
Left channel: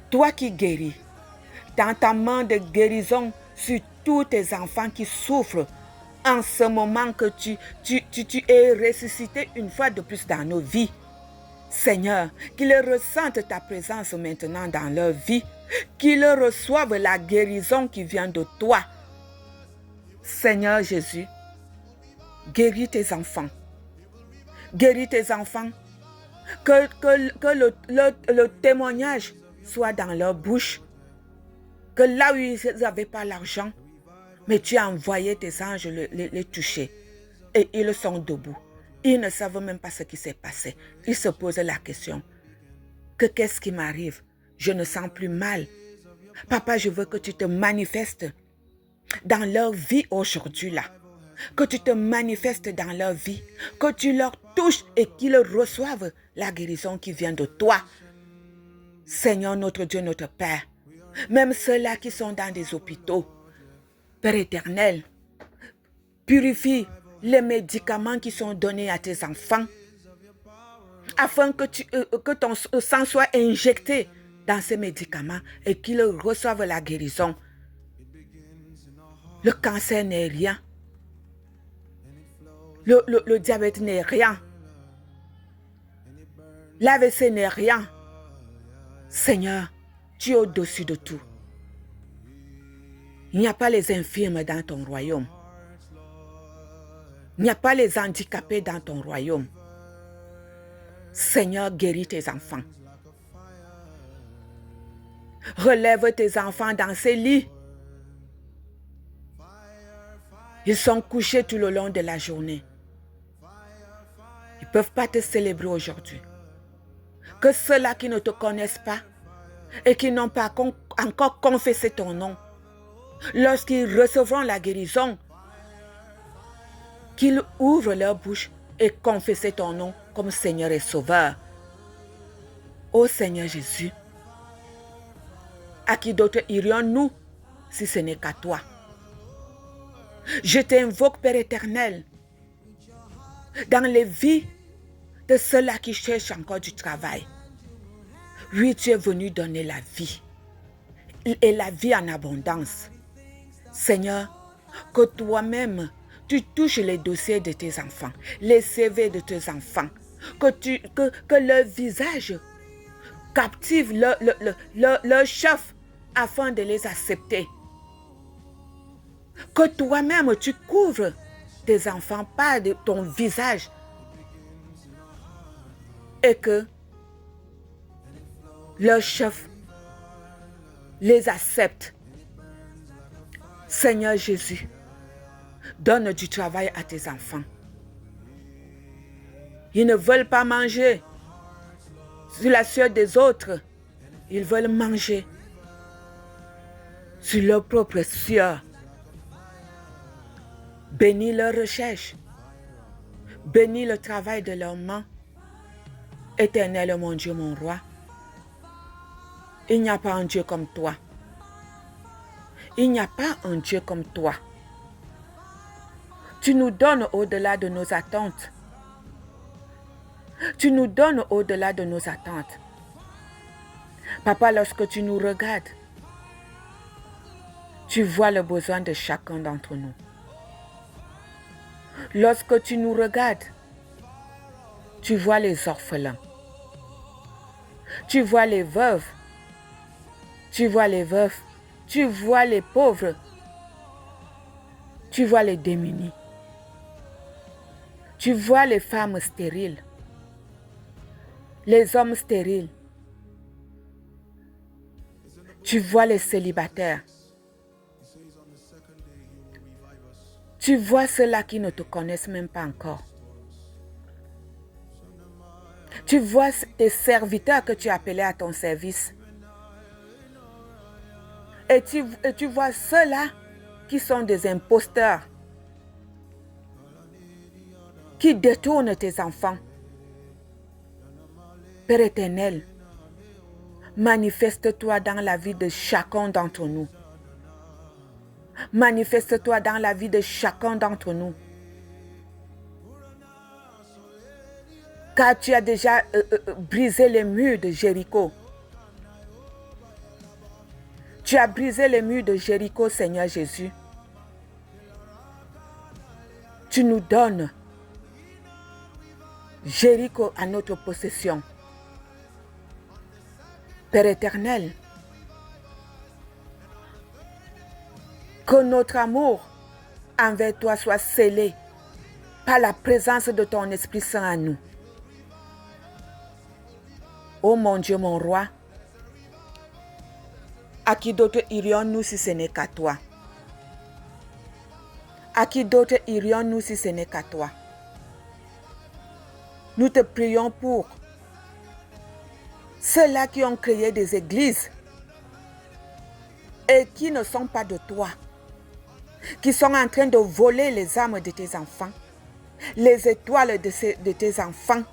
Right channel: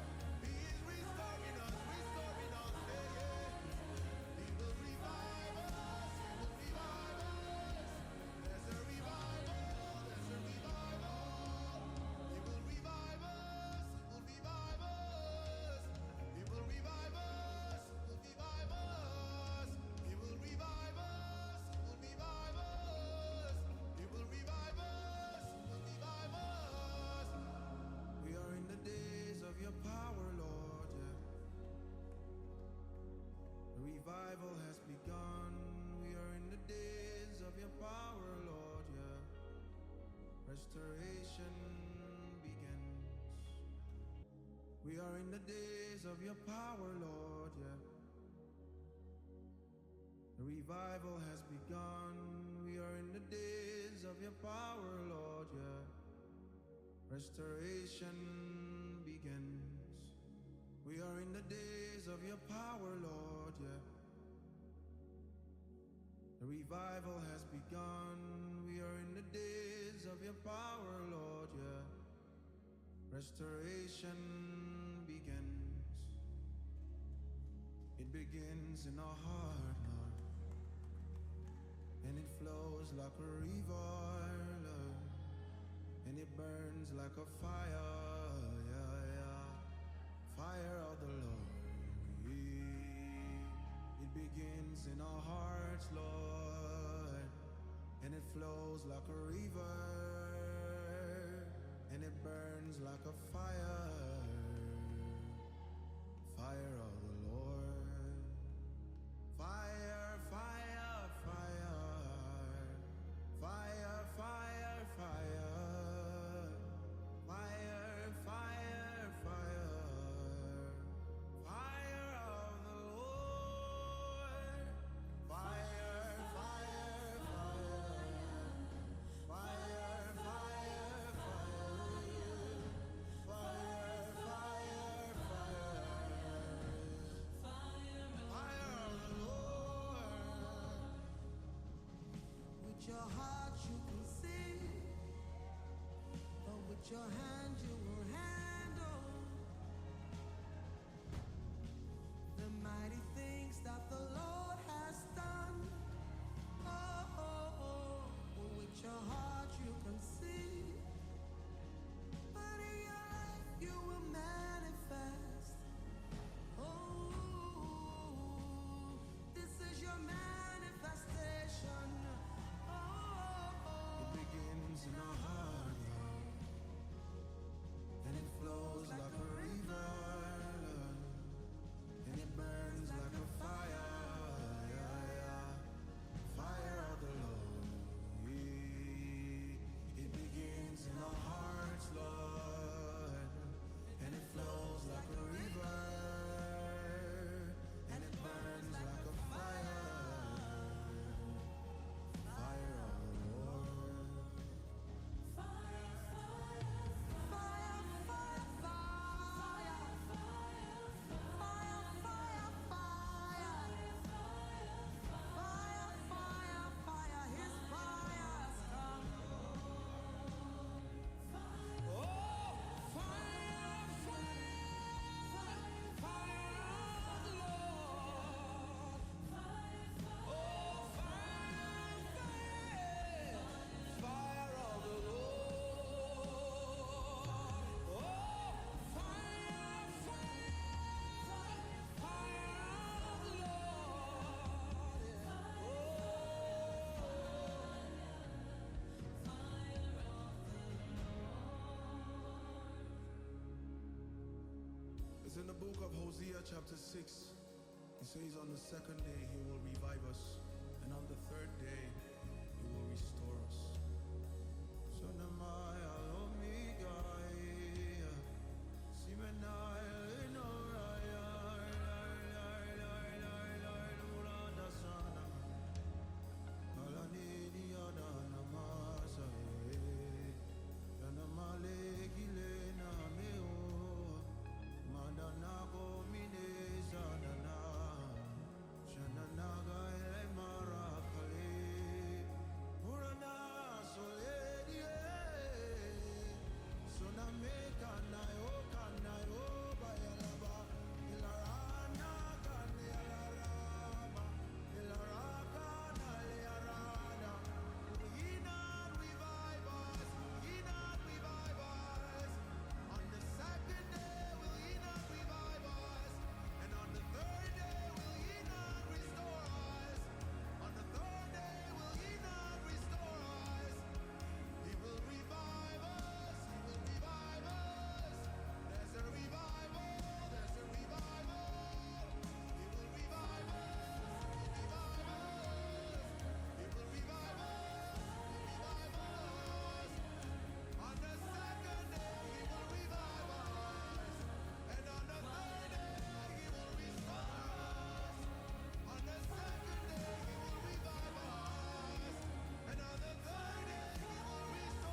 Toi qui guéris, dans ta main de guérison sur tous tes enfants qui souffrent, en ce moment que tu es ressuscité une fois de plus dans nos vies. Seigneur, qu'ils ressentent ta présence maintenant dans leur vie, qu'ils reçoivent la guérison qui vient de toi. Seigneur Jésus, guéris tes enfants. Guéris tes enfants. Que le témoignage soit dans leur bouche. Que là où ils n'avaient pas l'argent, mais tu as envoyé tes anges les toucher. Et ils sont debout. Ils ne savent même pas ce qui s'est passé. Ils se posent la question. Qu'est-ce qui m'arrive? Je ne sens plus mal. Papa, je veux que tu te manifestes dans leur vie aujourd'hui là. Que tu te manifestes dans leur vie. Que tu leur touches et qu'ils reçoivent la guérison qui vient de toi. Seigneur notre Dieu, notre Père. Même ceux-là qui sont dans des hôpitaux. Père éternel, purifie les médicaments qui sont donnés à tes enfants afin que ton sang soit injecté dans ces médicaments et qu'ils reçoivent la guérison. Le cancer n'est rien. Le diabète n'est rien. L'AVC n'est rien. Seigneur, tu es au-dessus de tout. Il n'y a pas les infirmes dans ton royaume. Il n'y a pas les handicapés dans ton royaume. Seigneur, guéris tes enfants. Relève tes enfants dans ces lits. Ils sont couchés tout le long de la journée. Ils ne peuvent pas te célébrer aujourd'hui. Que ceux-là qui ne te connaissent pas et qui n'ont pas encore confessé ton nom, lorsqu'ils recevront la guérison, qu'ils ouvrent leur bouche et confessent ton nom comme Seigneur et Sauveur. Ô Seigneur Jésus, à qui d'autre irions-nous si ce n'est qu'à toi? Je t'invoque, Père éternel, dans les vies de ceux-là qui cherchent encore du travail. Oui, tu es venu donner la vie et la vie en abondance. Seigneur, que toi-même, tu touches les dossiers de tes enfants, les CV de tes enfants, que leur visage captive leur chef afin de les accepter. Que toi-même, tu couvres tes enfants par ton visage et que leur chef les accepte. Seigneur Jésus, donne du travail à tes enfants. Ils ne veulent pas manger sur la sueur des autres. Ils veulent manger sur leur propre sueur. Bénis leur recherche. Bénis le travail de leurs mains. Éternel, mon Dieu, mon roi. Il n'y a pas un Dieu comme toi. Il n'y a pas un Dieu comme toi. Tu nous donnes au-delà de nos attentes. Tu nous donnes au-delà de nos attentes. Papa, lorsque tu nous regardes, tu vois le besoin de chacun d'entre nous. Lorsque tu nous regardes, tu vois les orphelins. Tu vois les veuves. Tu vois les veufs. Tu vois les pauvres. Tu vois les démunis. Tu vois les femmes stériles. Les hommes stériles. Tu vois les célibataires. Tu vois ceux-là qui ne te connaissent même pas encore. Tu vois tes serviteurs que tu appelais à ton service. Et tu vois ceux-là qui sont des imposteurs, qui détournent tes enfants. Père éternel, manifeste-toi dans la vie de chacun d'entre nous. Manifeste-toi dans la vie de chacun d'entre nous. Car tu as déjà brisé les murs de Jéricho. Tu as brisé les murs de Jéricho, Seigneur Jésus. Tu nous donnes Jéricho à notre possession. Père éternel, que notre amour envers toi soit scellé par la présence de ton Esprit Saint en nous. Oh mon Dieu, mon roi, à qui d'autre irions-nous si ce n'est qu'à toi? À qui d'autre irions-nous si ce n'est qu'à toi? Nous te prions pour ceux-là qui ont créé des églises et qui ne sont pas de toi, qui sont en train de voler les âmes de tes enfants, les étoiles de tes enfants.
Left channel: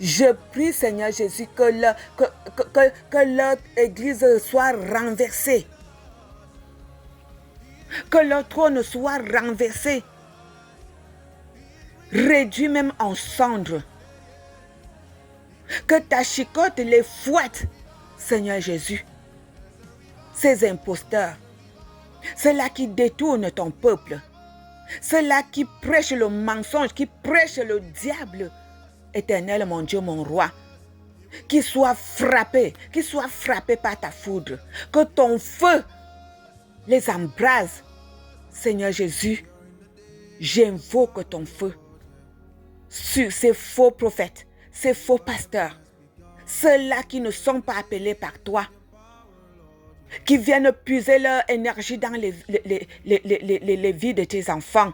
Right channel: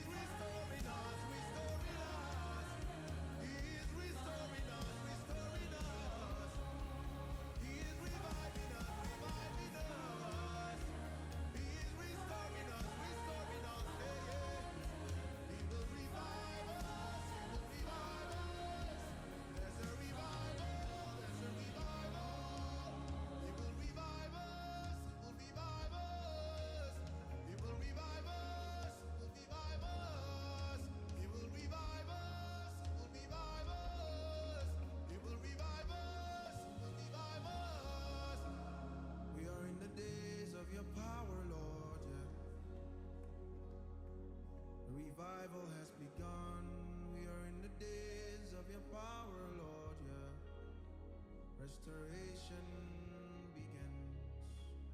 Je prie, Seigneur Jésus, que leur église soit renversée, que leur trône soit renversé, réduit même en cendres. Que ta chicotte les fouette, Seigneur Jésus. Ces imposteurs, ceux-là qui détournent ton peuple, ceux-là qui prêchent le mensonge, qui prêchent le diable, éternel, mon Dieu, mon roi, qu'ils soient frappés par ta foudre, que ton feu les embrase. Seigneur Jésus, j'invoque ton feu sur ces faux prophètes, ces faux pasteurs, ceux-là qui ne sont pas appelés par toi, qui viennent puiser leur énergie dans les vies de tes enfants,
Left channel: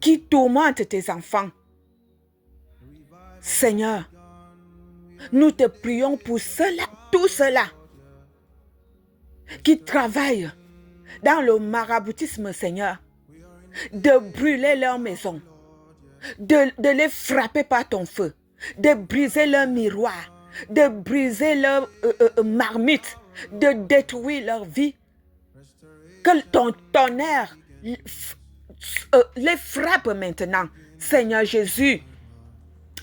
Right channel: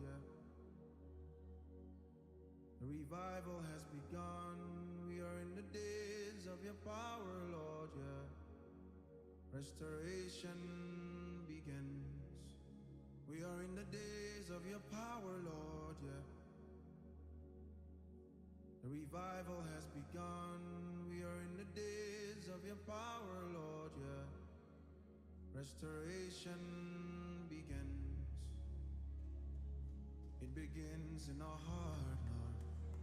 qui tourmentent tes enfants. Seigneur, nous te prions pour ceux-là, tous ceux-là qui travaillent dans le maraboutisme, Seigneur, de brûler leur maison, de les frapper par ton feu, de briser leur miroir, de briser leur marmite, de détruire leur vie. Que ton tonnerre les frappe maintenant. Seigneur Jésus,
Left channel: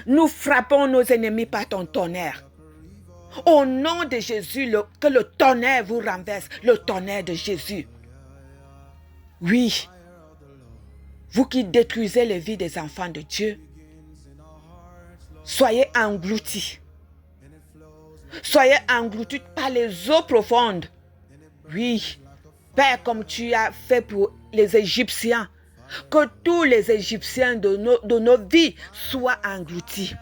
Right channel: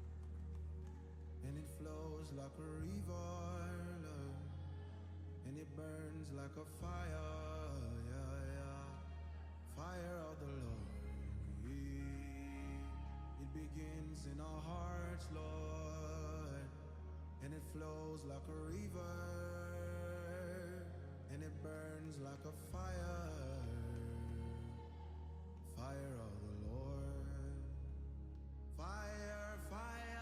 nous frappons nos ennemis par ton tonnerre. Au nom de Jésus, que le tonnerre vous renverse, le tonnerre de Jésus. Oui, vous qui détruisez les vies des enfants de Dieu, soyez engloutis. Soyez engloutis par les eaux profondes. Oui, Père, comme tu as fait pour les Égyptiens, que tous les Égyptiens de nos vies soient engloutis.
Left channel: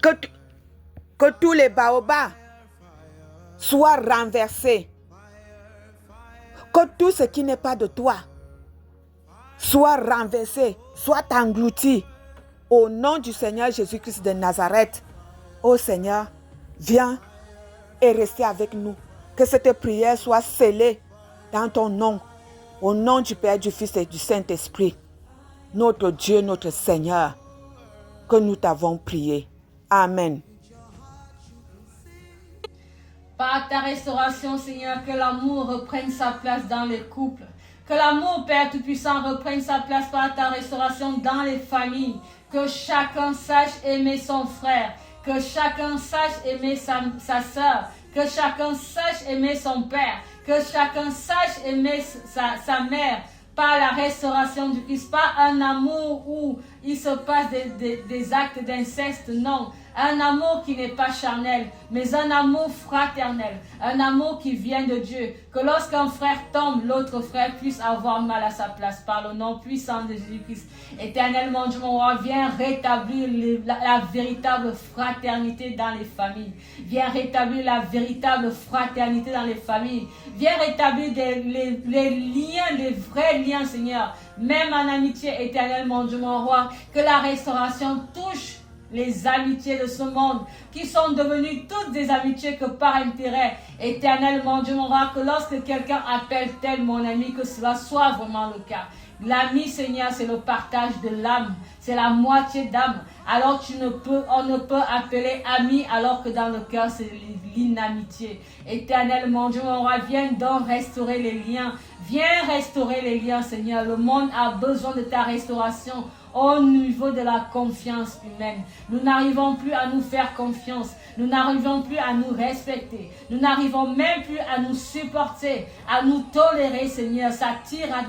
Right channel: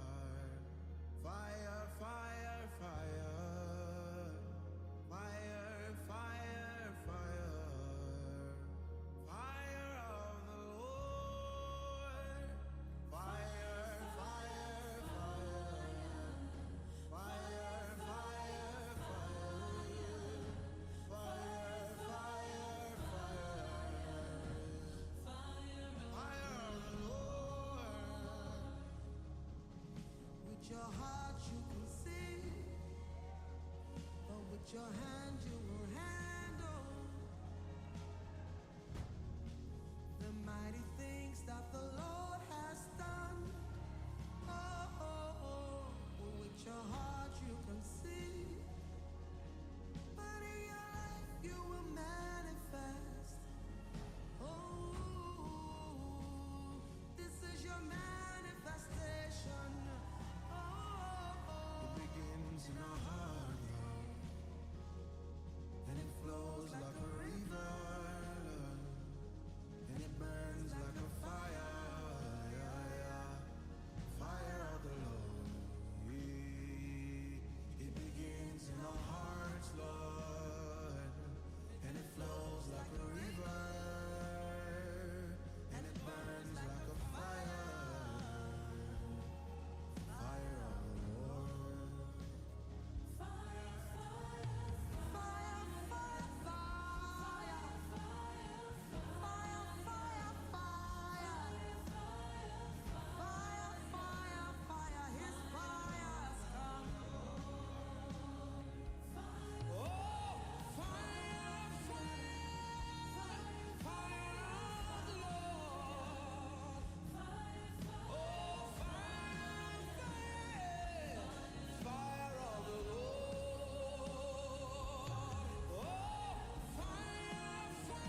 Que tous les baobabs soient renversés. Que tout ce qui n'est pas de toi soit renversé, soit englouti. Au nom du Seigneur Jésus-Christ de Nazareth, ô Seigneur, viens et restez avec nous. Que cette prière soit scellée dans ton nom. Au nom du Père, du Fils et du Saint-Esprit, notre Dieu, notre Seigneur, que nous t'avons prié. Amen. Par ta restauration, Seigneur, que l'amour reprenne sa place dans les couples. Que l'amour, Père Tout-Puissant, reprenne sa place par ta restauration dans les familles. Que chacun sache aimer son frère. Que chacun sache aimer sa soeur. Que chacun sache aimer son père. Que chacun sache aimer sa mère. Par la restauration du Christ. Pas un amour où il se passe des actes d'inceste, non. Un amour qui n'est pas charnel, mais un amour fraternel, un amour qui vient de Dieu. Que lorsqu'un frère tombe, l'autre frère puisse avoir mal à sa place par le nom puissant de Jésus-Christ. Éternellement, Dieu mon roi, viens rétablir la véritable fraternité dans les familles. Viens rétablir la véritable fraternité dans les familles. Viens rétablir les liens, les vrais liens, Seigneur. Même en amitié, éternel, mon Dieu, mon roi. Que la restauration touche les amitiés de ce monde, qui sont devenues toutes des amitiés que par intérêt. Éternel, mon Dieu, mon roi, que lorsque quelqu'un appelle tel mon ami, que cela soit vraiment le cas. L'ami, Seigneur, c'est le partage de l'âme, c'est la moitié d'âme. Alors on ne peut appeler ami alors que dans le cœur, c'est l'inamitié. Éternel, mon Dieu, mon roi, viens donc restaurer les liens. Viens restaurer les liens, Seigneur. Le monde a besoin de ta restauration au niveau de la confiance humaine. Nous n'arrivons plus à nous faire confiance. Nous n'arrivons plus à nous respecter. Nous n'arrivons même plus à nous supporter, à nous tolérer, Seigneur. Ça tire à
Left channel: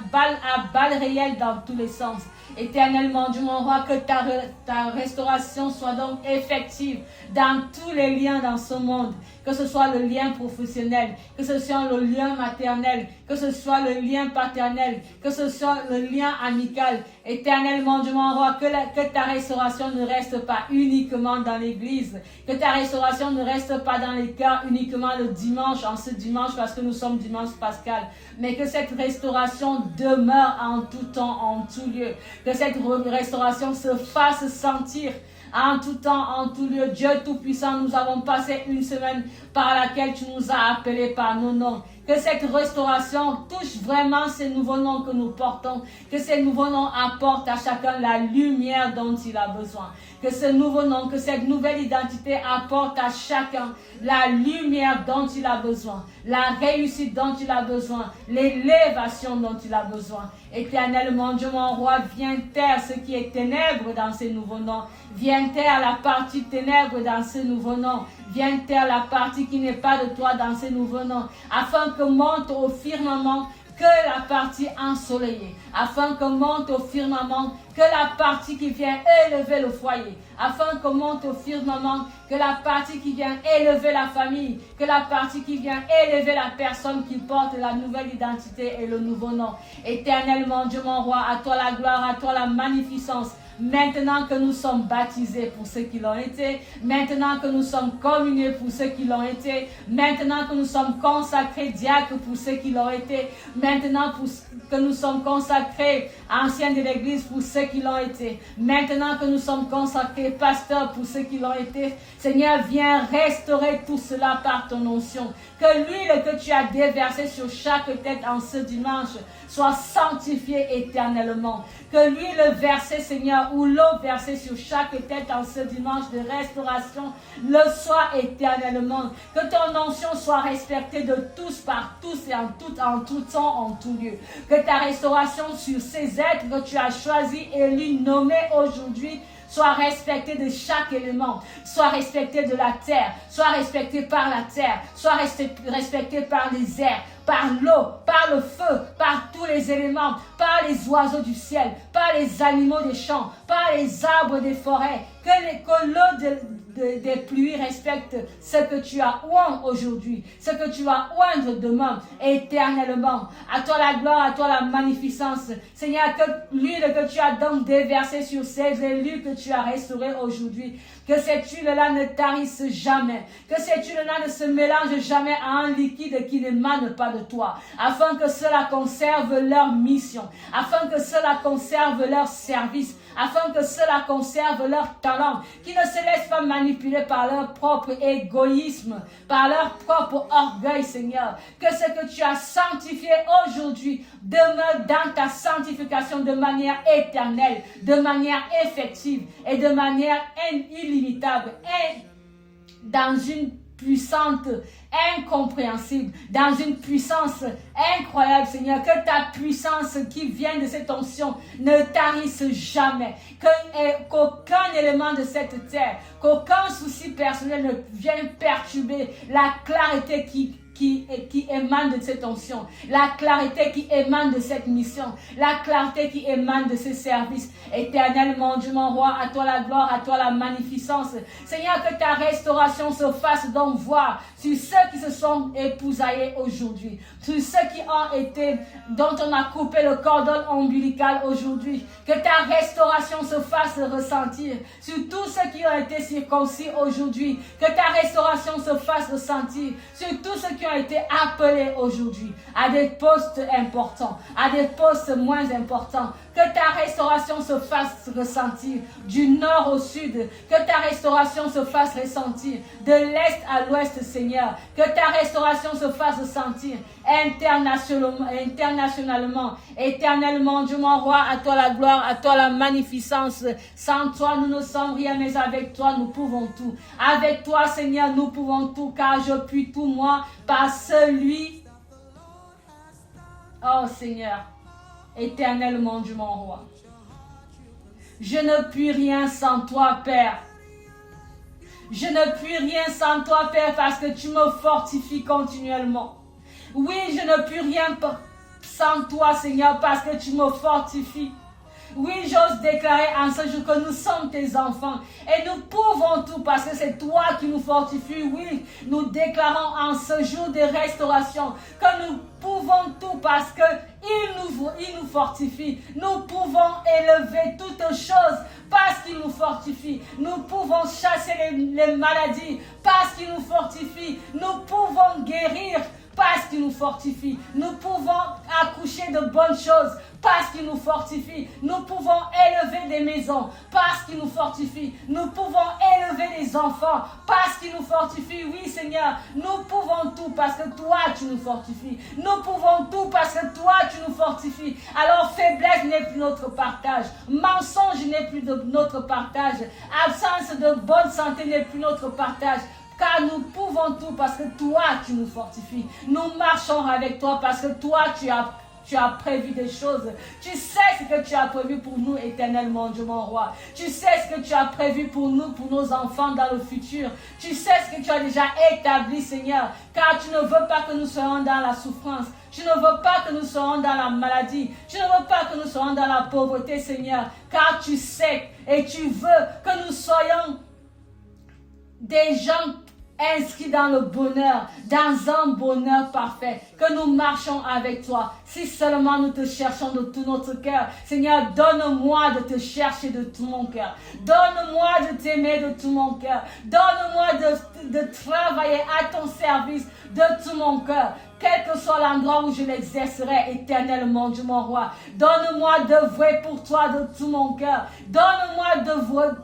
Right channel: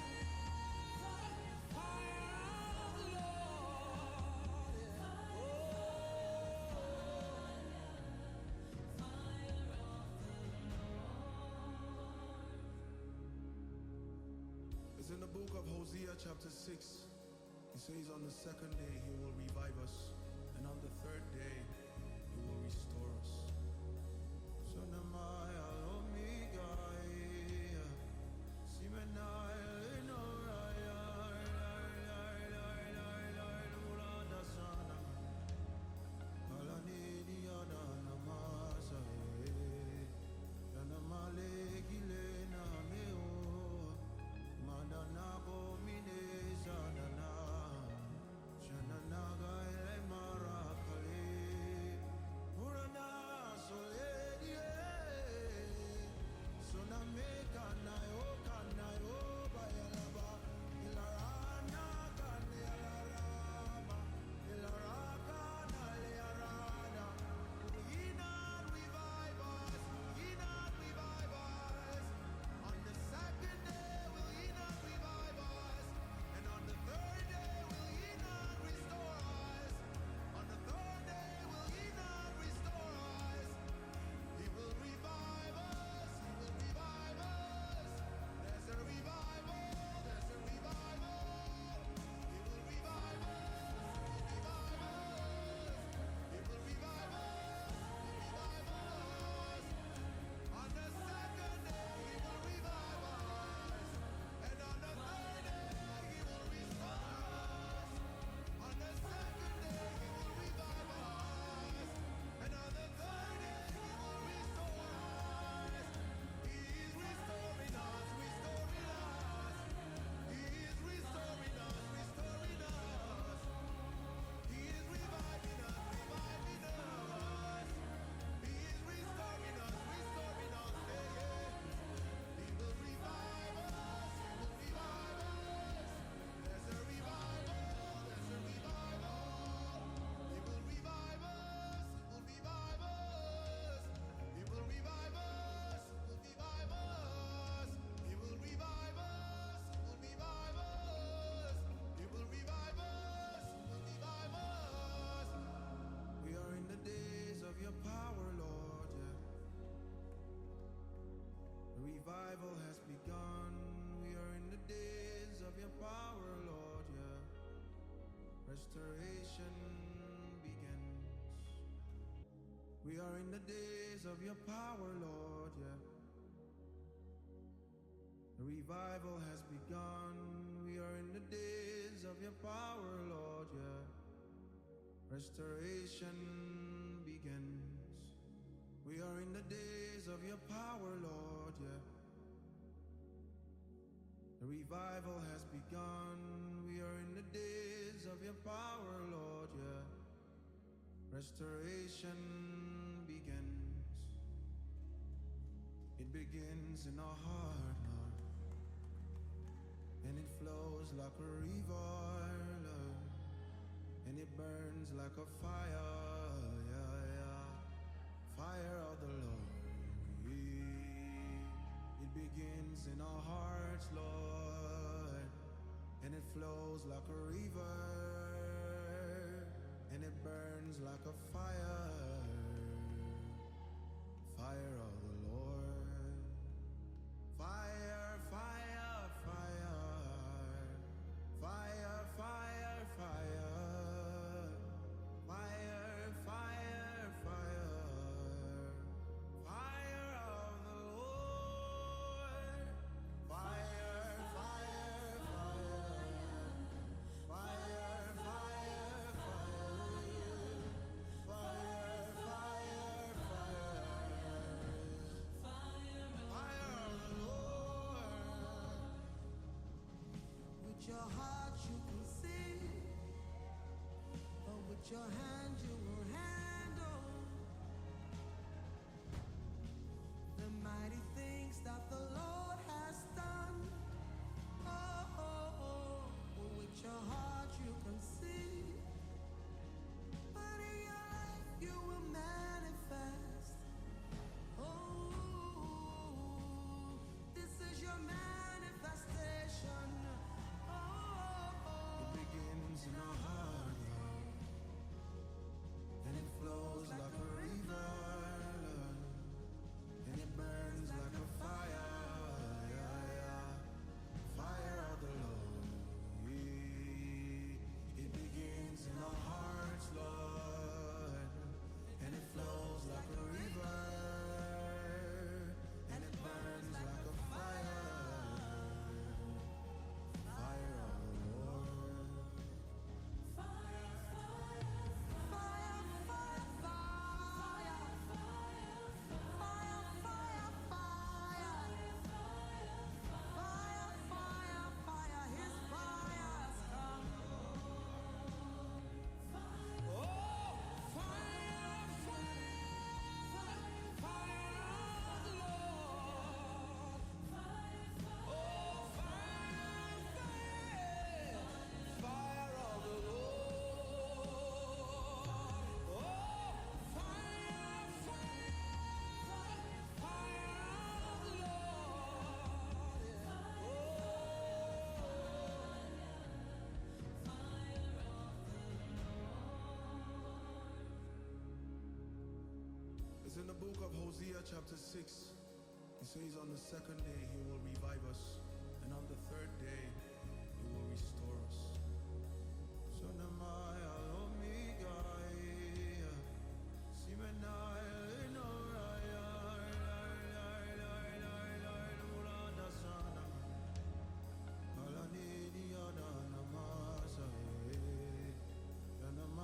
balles réelles dans tous les sens. Éternel, mon Dieu, mon roi, que ta restauration soit donc effective dans tous les liens dans ce monde. Que ce soit le lien professionnel, que ce soit le lien maternel, que ce soit le lien paternel, que ce soit le lien amical. Éternel, mon Dieu, mon roi, que ta restauration ne reste pas uniquement dans l'église, que ta restauration ne reste pas dans les cœurs uniquement le dimanche, en ce dimanche, parce que nous sommes dimanche pascal, mais que cette restauration demeure en tout temps, en tout lieu, que cette restauration se fasse sentir en tout temps, en tout lieu. Dieu Tout-Puissant, nous avons passé une semaine par laquelle tu nous as appelés par nos noms. Que cette restauration touche vraiment ces nouveaux noms que nous portons. Que ces nouveaux noms apportent à chacun la lumière dont il a besoin. Que ce nouveau nom, que cette nouvelle identité apporte à chacun la lumière dont il a besoin, la réussite dont il a besoin, l'élévation dont il a besoin. Éternel, mon Dieu, mon roi, viens taire ce qui est ténèbres dans ces nouveaux noms. Viens taire la partie ténèbres dans ces nouveaux noms. Viens taire la partie qui n'est pas de toi dans ces nouveaux noms. Afin que monte au firmament que la partie ensoleillée. Afin que monte au firmament que la partie qui vient élever le foyer. Afin que monte au firmament que la partie qui vient élever la famille. Que la partie qui vient élever la personne qui porte la nouvelle identité et le nouveau nom. Éternel, mon Dieu, mon roi, à toi la gloire, à toi la magnificence. Maintenant que nous sommes baptisés pour ceux qui l'ont été, maintenant que nous sommes communiés pour ceux qui l'ont été, maintenant que nous sommes consacrés diacres pour ceux qui l'ont été, maintenant que nous sommes consacrés anciens de l'Église pour ceux qui l'ont été, maintenant que nous sommes consacrés pasteurs pour ceux qui l'ont été, Seigneur, viens restaurer tout cela par ton onction. Que l'huile que tu as déversée sur chaque tête en ce dimanche soit sanctifiée éternellement. Que l'huile versée, Seigneur, ou l'eau versée sur chaque tête en ce dimanche de restauration le soit éternellement. Que ton onction soit respectée de tous, par tous et en tout temps, en tout lieu. Que ta restauration sur ces êtres que tu as choisis, élus, nommés aujourd'hui, soit respecté de chaque élément, soit respecté de la terre, soit respecté par la terre, soit respecté par les airs, par l'eau, par le feu, par tous les éléments, par les oiseaux du ciel, par les animaux des champs, par les arbres des forêts, que l'eau des pluies respecte ce que tu as oint aujourd'hui, ce que tu vas oindre demain, éternellement. À toi la gloire, à toi la magnificence. Seigneur, que l'huile que tu as donc déversée sur ces élus que tu as restaurés aujourd'hui, que cette huile-là ne tarisse jamais, que cette huile-là ne se mélange jamais à un liquide qui n'émane pas de toi, afin que cela conserve leur mission, afin que cela conserve leur service, afin que cela conserve leur talent, qui ne se laissent pas manipuler par leur propre égoïsme, par leur propre orgueil, Seigneur. Que ce que tu as sanctifié aujourd'hui demeure dans ta sanctification de manière éternelle, de manière effective et de manière illimitable, et dans une puissante, incompréhensible, dans une puissance incroyable, Seigneur. Que ta puissance qui vient de cette onction ne tarisse jamais, qu'aucun élément de cette terre, qu'aucun souci personnel ne vienne perturber la clarté qui qui émane de cette onction, la clarté qui émane de cette mission, la clarté qui émane de ce service. Éternel mon Dieu, mon roi, à toi la gloire, à toi la magnificence. Seigneur, que ta restauration se fasse donc voir sur ceux qui se sont épousaillés aujourd'hui, sur ceux qui ont été, dont on a coupé le cordon ombilical aujourd'hui. Que ta restauration se fasse ressentir sur tous ceux qui ont été circoncis aujourd'hui. Que ta restauration se fasse ressentir sur tous ceux qui ont été appelés aujourd'hui à des postes importants, à des postes moins importants. Que ta restauration se fasse ressentir du nord au sud. Que ta restauration se fasse ressentir de l'est à l'ouest, Seigneur. Que ta restauration se fasse ressentir internationalement. Éternellement, Dieu mon roi, à toi la gloire, à toi la magnificence. Sans toi, nous ne sommes rien, mais avec toi, nous pouvons tout. Avec toi, Seigneur, nous pouvons tout, car je puis tout, moi, par celui... Oh, Seigneur. Éternellement, Dieu mon roi. Je ne puis rien sans toi, Père. Je ne puis rien sans toi, Père, parce que tu me fortifies continuellement. Oui, je ne puis rien sans toi, Seigneur, parce que tu me fortifies. Oui, j'ose déclarer en ce jour que nous sommes tes enfants et nous pouvons tout parce que c'est toi qui nous fortifies. Oui, nous déclarons en ce jour de restauration que nous pouvons tout parce qu'il nous fortifie. Nous pouvons élever toutes choses parce qu'il nous fortifie. Nous pouvons chasser les maladies parce qu'il nous fortifie. Nous pouvons guérir parce qu'il nous fortifie. Nous pouvons accoucher de bonnes choses parce qu'il nous fortifie. Nous pouvons élever des maisons parce qu'il nous fortifie. Nous pouvons élever des enfants parce qu'il nous fortifie. Oui, Seigneur, nous pouvons tout parce que toi, tu nous fortifies. Nous pouvons tout parce que toi, tu nous fortifies. Alors, faiblesse n'est plus notre partage. Mensonge n'est plus notre partage. Absence de bonne santé n'est plus notre partage. Car nous pouvons tout parce que toi, tu nous fortifies. Nous marchons avec toi parce que toi, tu as prévu des choses. Tu sais ce que tu as prévu pour nous éternellement, Dieu mon roi. Tu sais ce que tu as prévu pour nous, pour nos enfants dans le futur. Tu sais ce que tu as déjà établi, Seigneur. Car tu ne veux pas que nous soyons dans la souffrance. Tu ne veux pas que nous soyons dans la maladie. Tu ne veux pas que nous soyons dans la pauvreté, Seigneur. Car tu sais et tu veux que nous soyons des gens inscrits dans le bonheur, dans un bonheur parfait, que nous marchons avec toi. Si seulement nous te cherchons de tout notre cœur, Seigneur, donne-moi de te chercher de tout mon cœur. Donne-moi de t'aimer de tout mon cœur. Donne-moi de travailler à ton service de tout mon cœur. Quel que soit l'endroit où je l'exercerai éternellement, Dieu mon roi. Donne-moi d'œuvrer pour toi de tout mon cœur. Donne-moi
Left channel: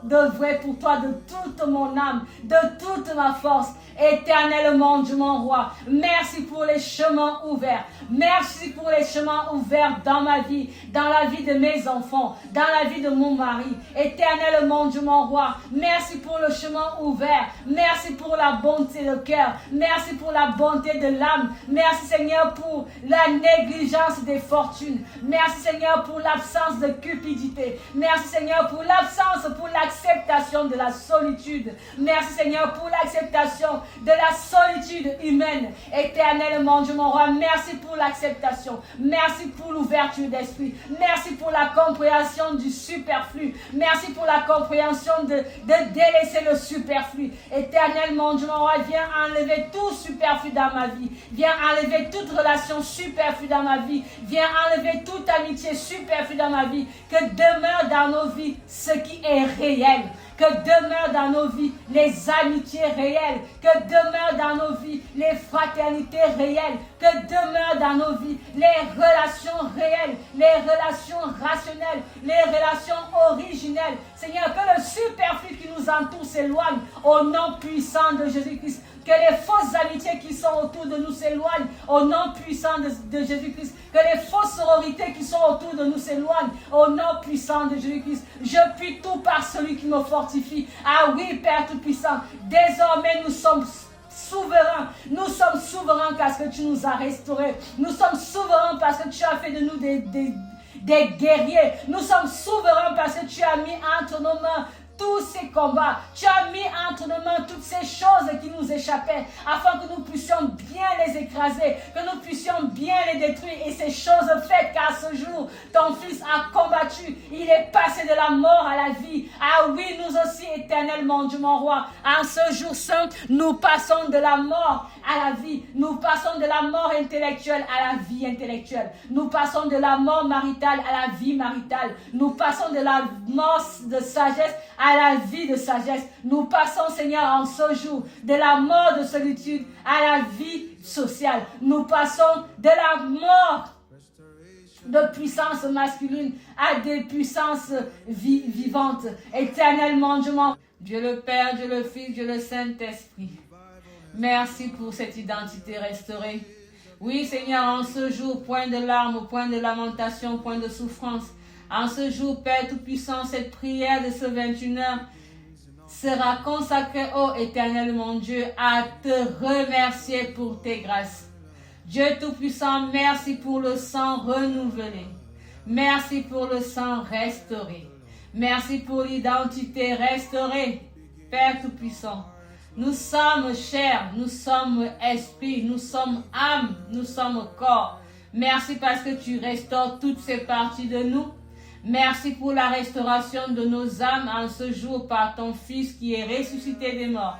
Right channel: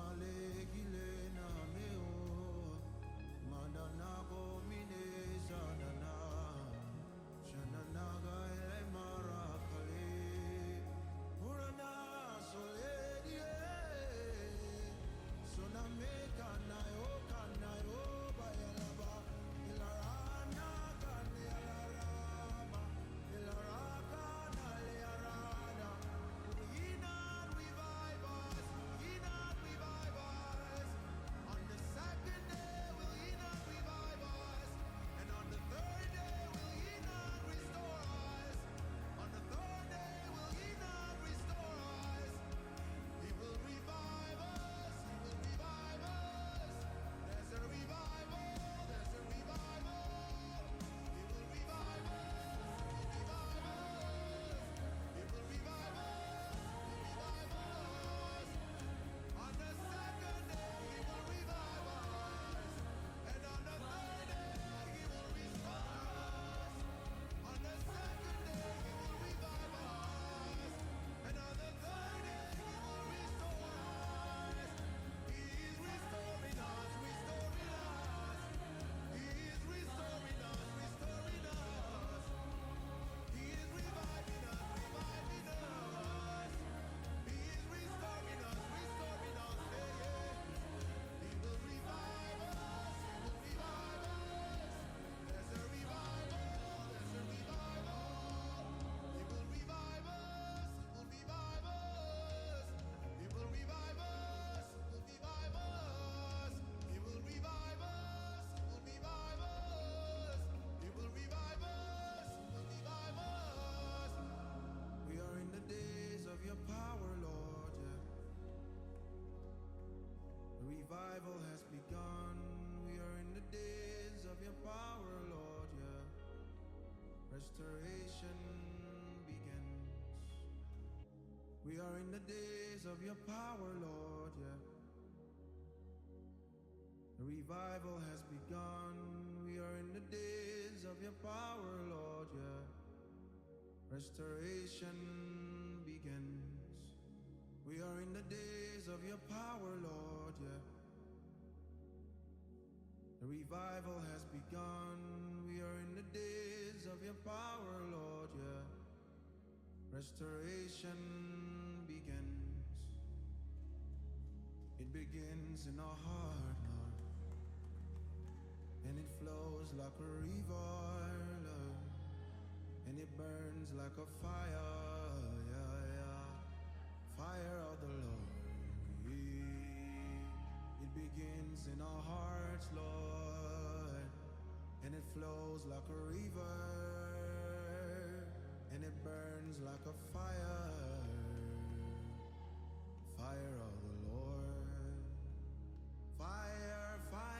d'œuvrer pour toi de toute mon âme, de toute ma force. Éternellement, Dieu mon roi. Merci pour les chemins ouverts. Merci pour les chemins ouverts dans ma vie, dans la vie de mes enfants, dans la vie de mon mari. Éternellement, Dieu mon roi. Merci pour le chemin ouvert. Merci pour la bonté de cœur. Merci pour la bonté de l'âme. Merci Seigneur pour la négligence des fortunes. Merci Seigneur pour l'absence de cupidité. Merci Seigneur pour l'absence, pour l'acceptation de la solitude. Merci Seigneur pour l'acceptation de la solitude humaine. Éternellement, Dieu mon roi, merci pour l'acceptation. Merci pour l'ouverture d'esprit. Merci pour la compréhension du superflu. Merci pour la compréhension de délaisser le superflu. Éternellement, Dieu mon roi, viens enlever tout superflu dans ma vie. Viens enlever toute relation superflue dans ma vie. Viens enlever toute amitié superflue dans ma vie. Que demeure dans nos vies ce qui est réel. Que demeure dans nos vies les amitiés réelles. Que demeure dans nos vies les fraternités réelles. Que demeure dans nos vies les relations réelles, les relations rationnelles, les relations originelles. Seigneur, que le superflu qui nous entoure s'éloigne au nom puissant de Jésus-Christ. Que les fausses amitiés qui sont autour de nous s'éloignent au nom puissant de Jésus-Christ. Que les fausses sororités qui sont autour de nous s'éloignent au nom puissant de Jésus-Christ. Je puis tout par celui qui me fortifie. Ah oui, Père Tout-Puissant, désormais nous sommes souverains. Nous sommes souverains parce que tu nous as restaurés. Nous sommes souverains parce que tu as fait de nous des guerriers. Nous sommes souverains parce que tu as mis entre nos mains tous ces combats. Tu as mis entre nos mains toutes ces choses qui nous échappaient afin que nous puissions bien les écraser, que nous puissions bien les détruire. Et ces choses faites qu'à ce jour, ton Fils a combattu. Il est passé de la mort à la vie. Ah oui, nous aussi, éternellement, Dieu mon roi, en ce jour saint, nous passons de la mort à la vie. Nous passons de la mort intellectuelle à la vie intellectuelle. Nous passons de la mort maritale à la vie maritale. Nous passons de la mort de sagesse à la vie de sagesse. Nous passons, Seigneur, en ce jour, de la mort de solitude à la vie sociale. Nous passons de la mort de puissance masculine à des puissances vivantes. Éternellement, Dieu le Père, Dieu le Fils, Dieu le Saint-Esprit. Merci pour cette identité restaurée. Oui, Seigneur, en ce jour, point de larmes, point de lamentation, point de souffrance. En ce jour, Père Tout-Puissant, cette prière de ce 21h sera consacrée, ô Éternel mon Dieu, à te remercier pour tes grâces. Dieu Tout-Puissant, merci pour le sang renouvelé. Merci pour le sang restauré. Merci pour l'identité restaurée. Père Tout-Puissant, nous sommes chair, nous sommes esprit, nous sommes âme, nous sommes corps. Merci parce que tu restaures toutes ces parties de nous. Merci pour la restauration de nos âmes en ce jour par ton Fils qui est ressuscité des morts.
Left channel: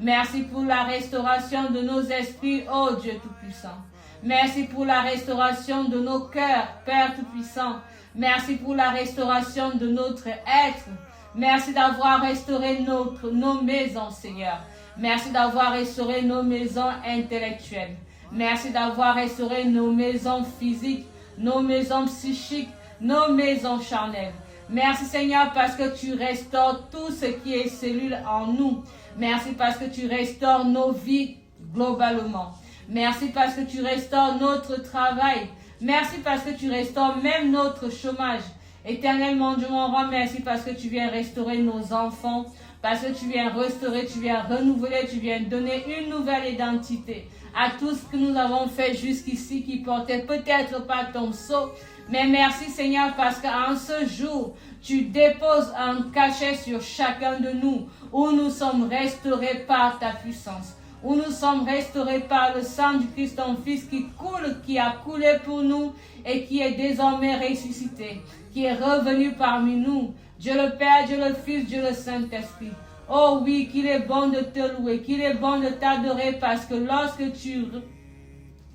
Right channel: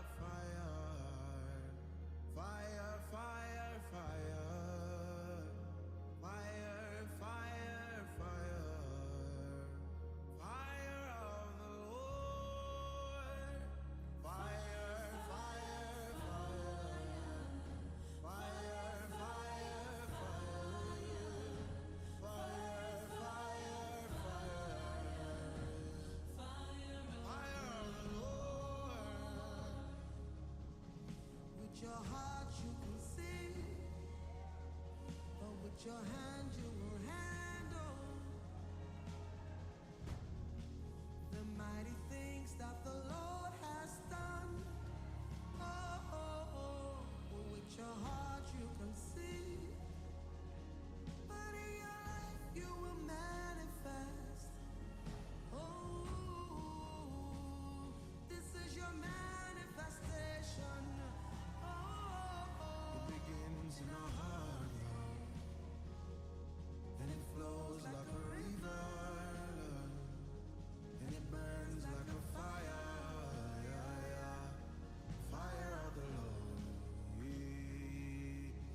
Merci pour la restauration de nos esprits, ô Dieu Tout-Puissant. Merci pour la restauration de nos cœurs, Père Tout-Puissant. Merci pour la restauration de notre être. Merci d'avoir restauré nos maisons, Seigneur. Merci d'avoir restauré nos maisons intellectuelles. Merci d'avoir restauré nos maisons physiques, nos maisons psychiques, nos maisons charnelles. Merci Seigneur parce que tu restaures tout ce qui est cellule en nous. Merci parce que tu restaures nos vies globalement. Merci parce que tu restaures notre travail. Merci parce que tu restaures même notre chômage. Éternellement, Dieu mon roi, merci parce que tu viens restaurer nos enfants, parce que tu viens restaurer, tu viens renouveler, tu viens donner une nouvelle identité à tout ce que nous avons fait jusqu'ici qui portait peut-être pas ton sceau. Mais merci Seigneur parce qu'en ce jour, tu déposes un cachet sur chacun de nous où nous sommes restaurés par ta puissance, où nous sommes restaurés par le sang du Christ, ton Fils qui coule, qui a coulé pour nous et qui est désormais ressuscité, qui est revenu parmi nous. Dieu le Père, Dieu le Fils, Dieu le Saint-Esprit. Oh oui, qu'il est bon de te louer, qu'il est bon de t'adorer parce que lorsque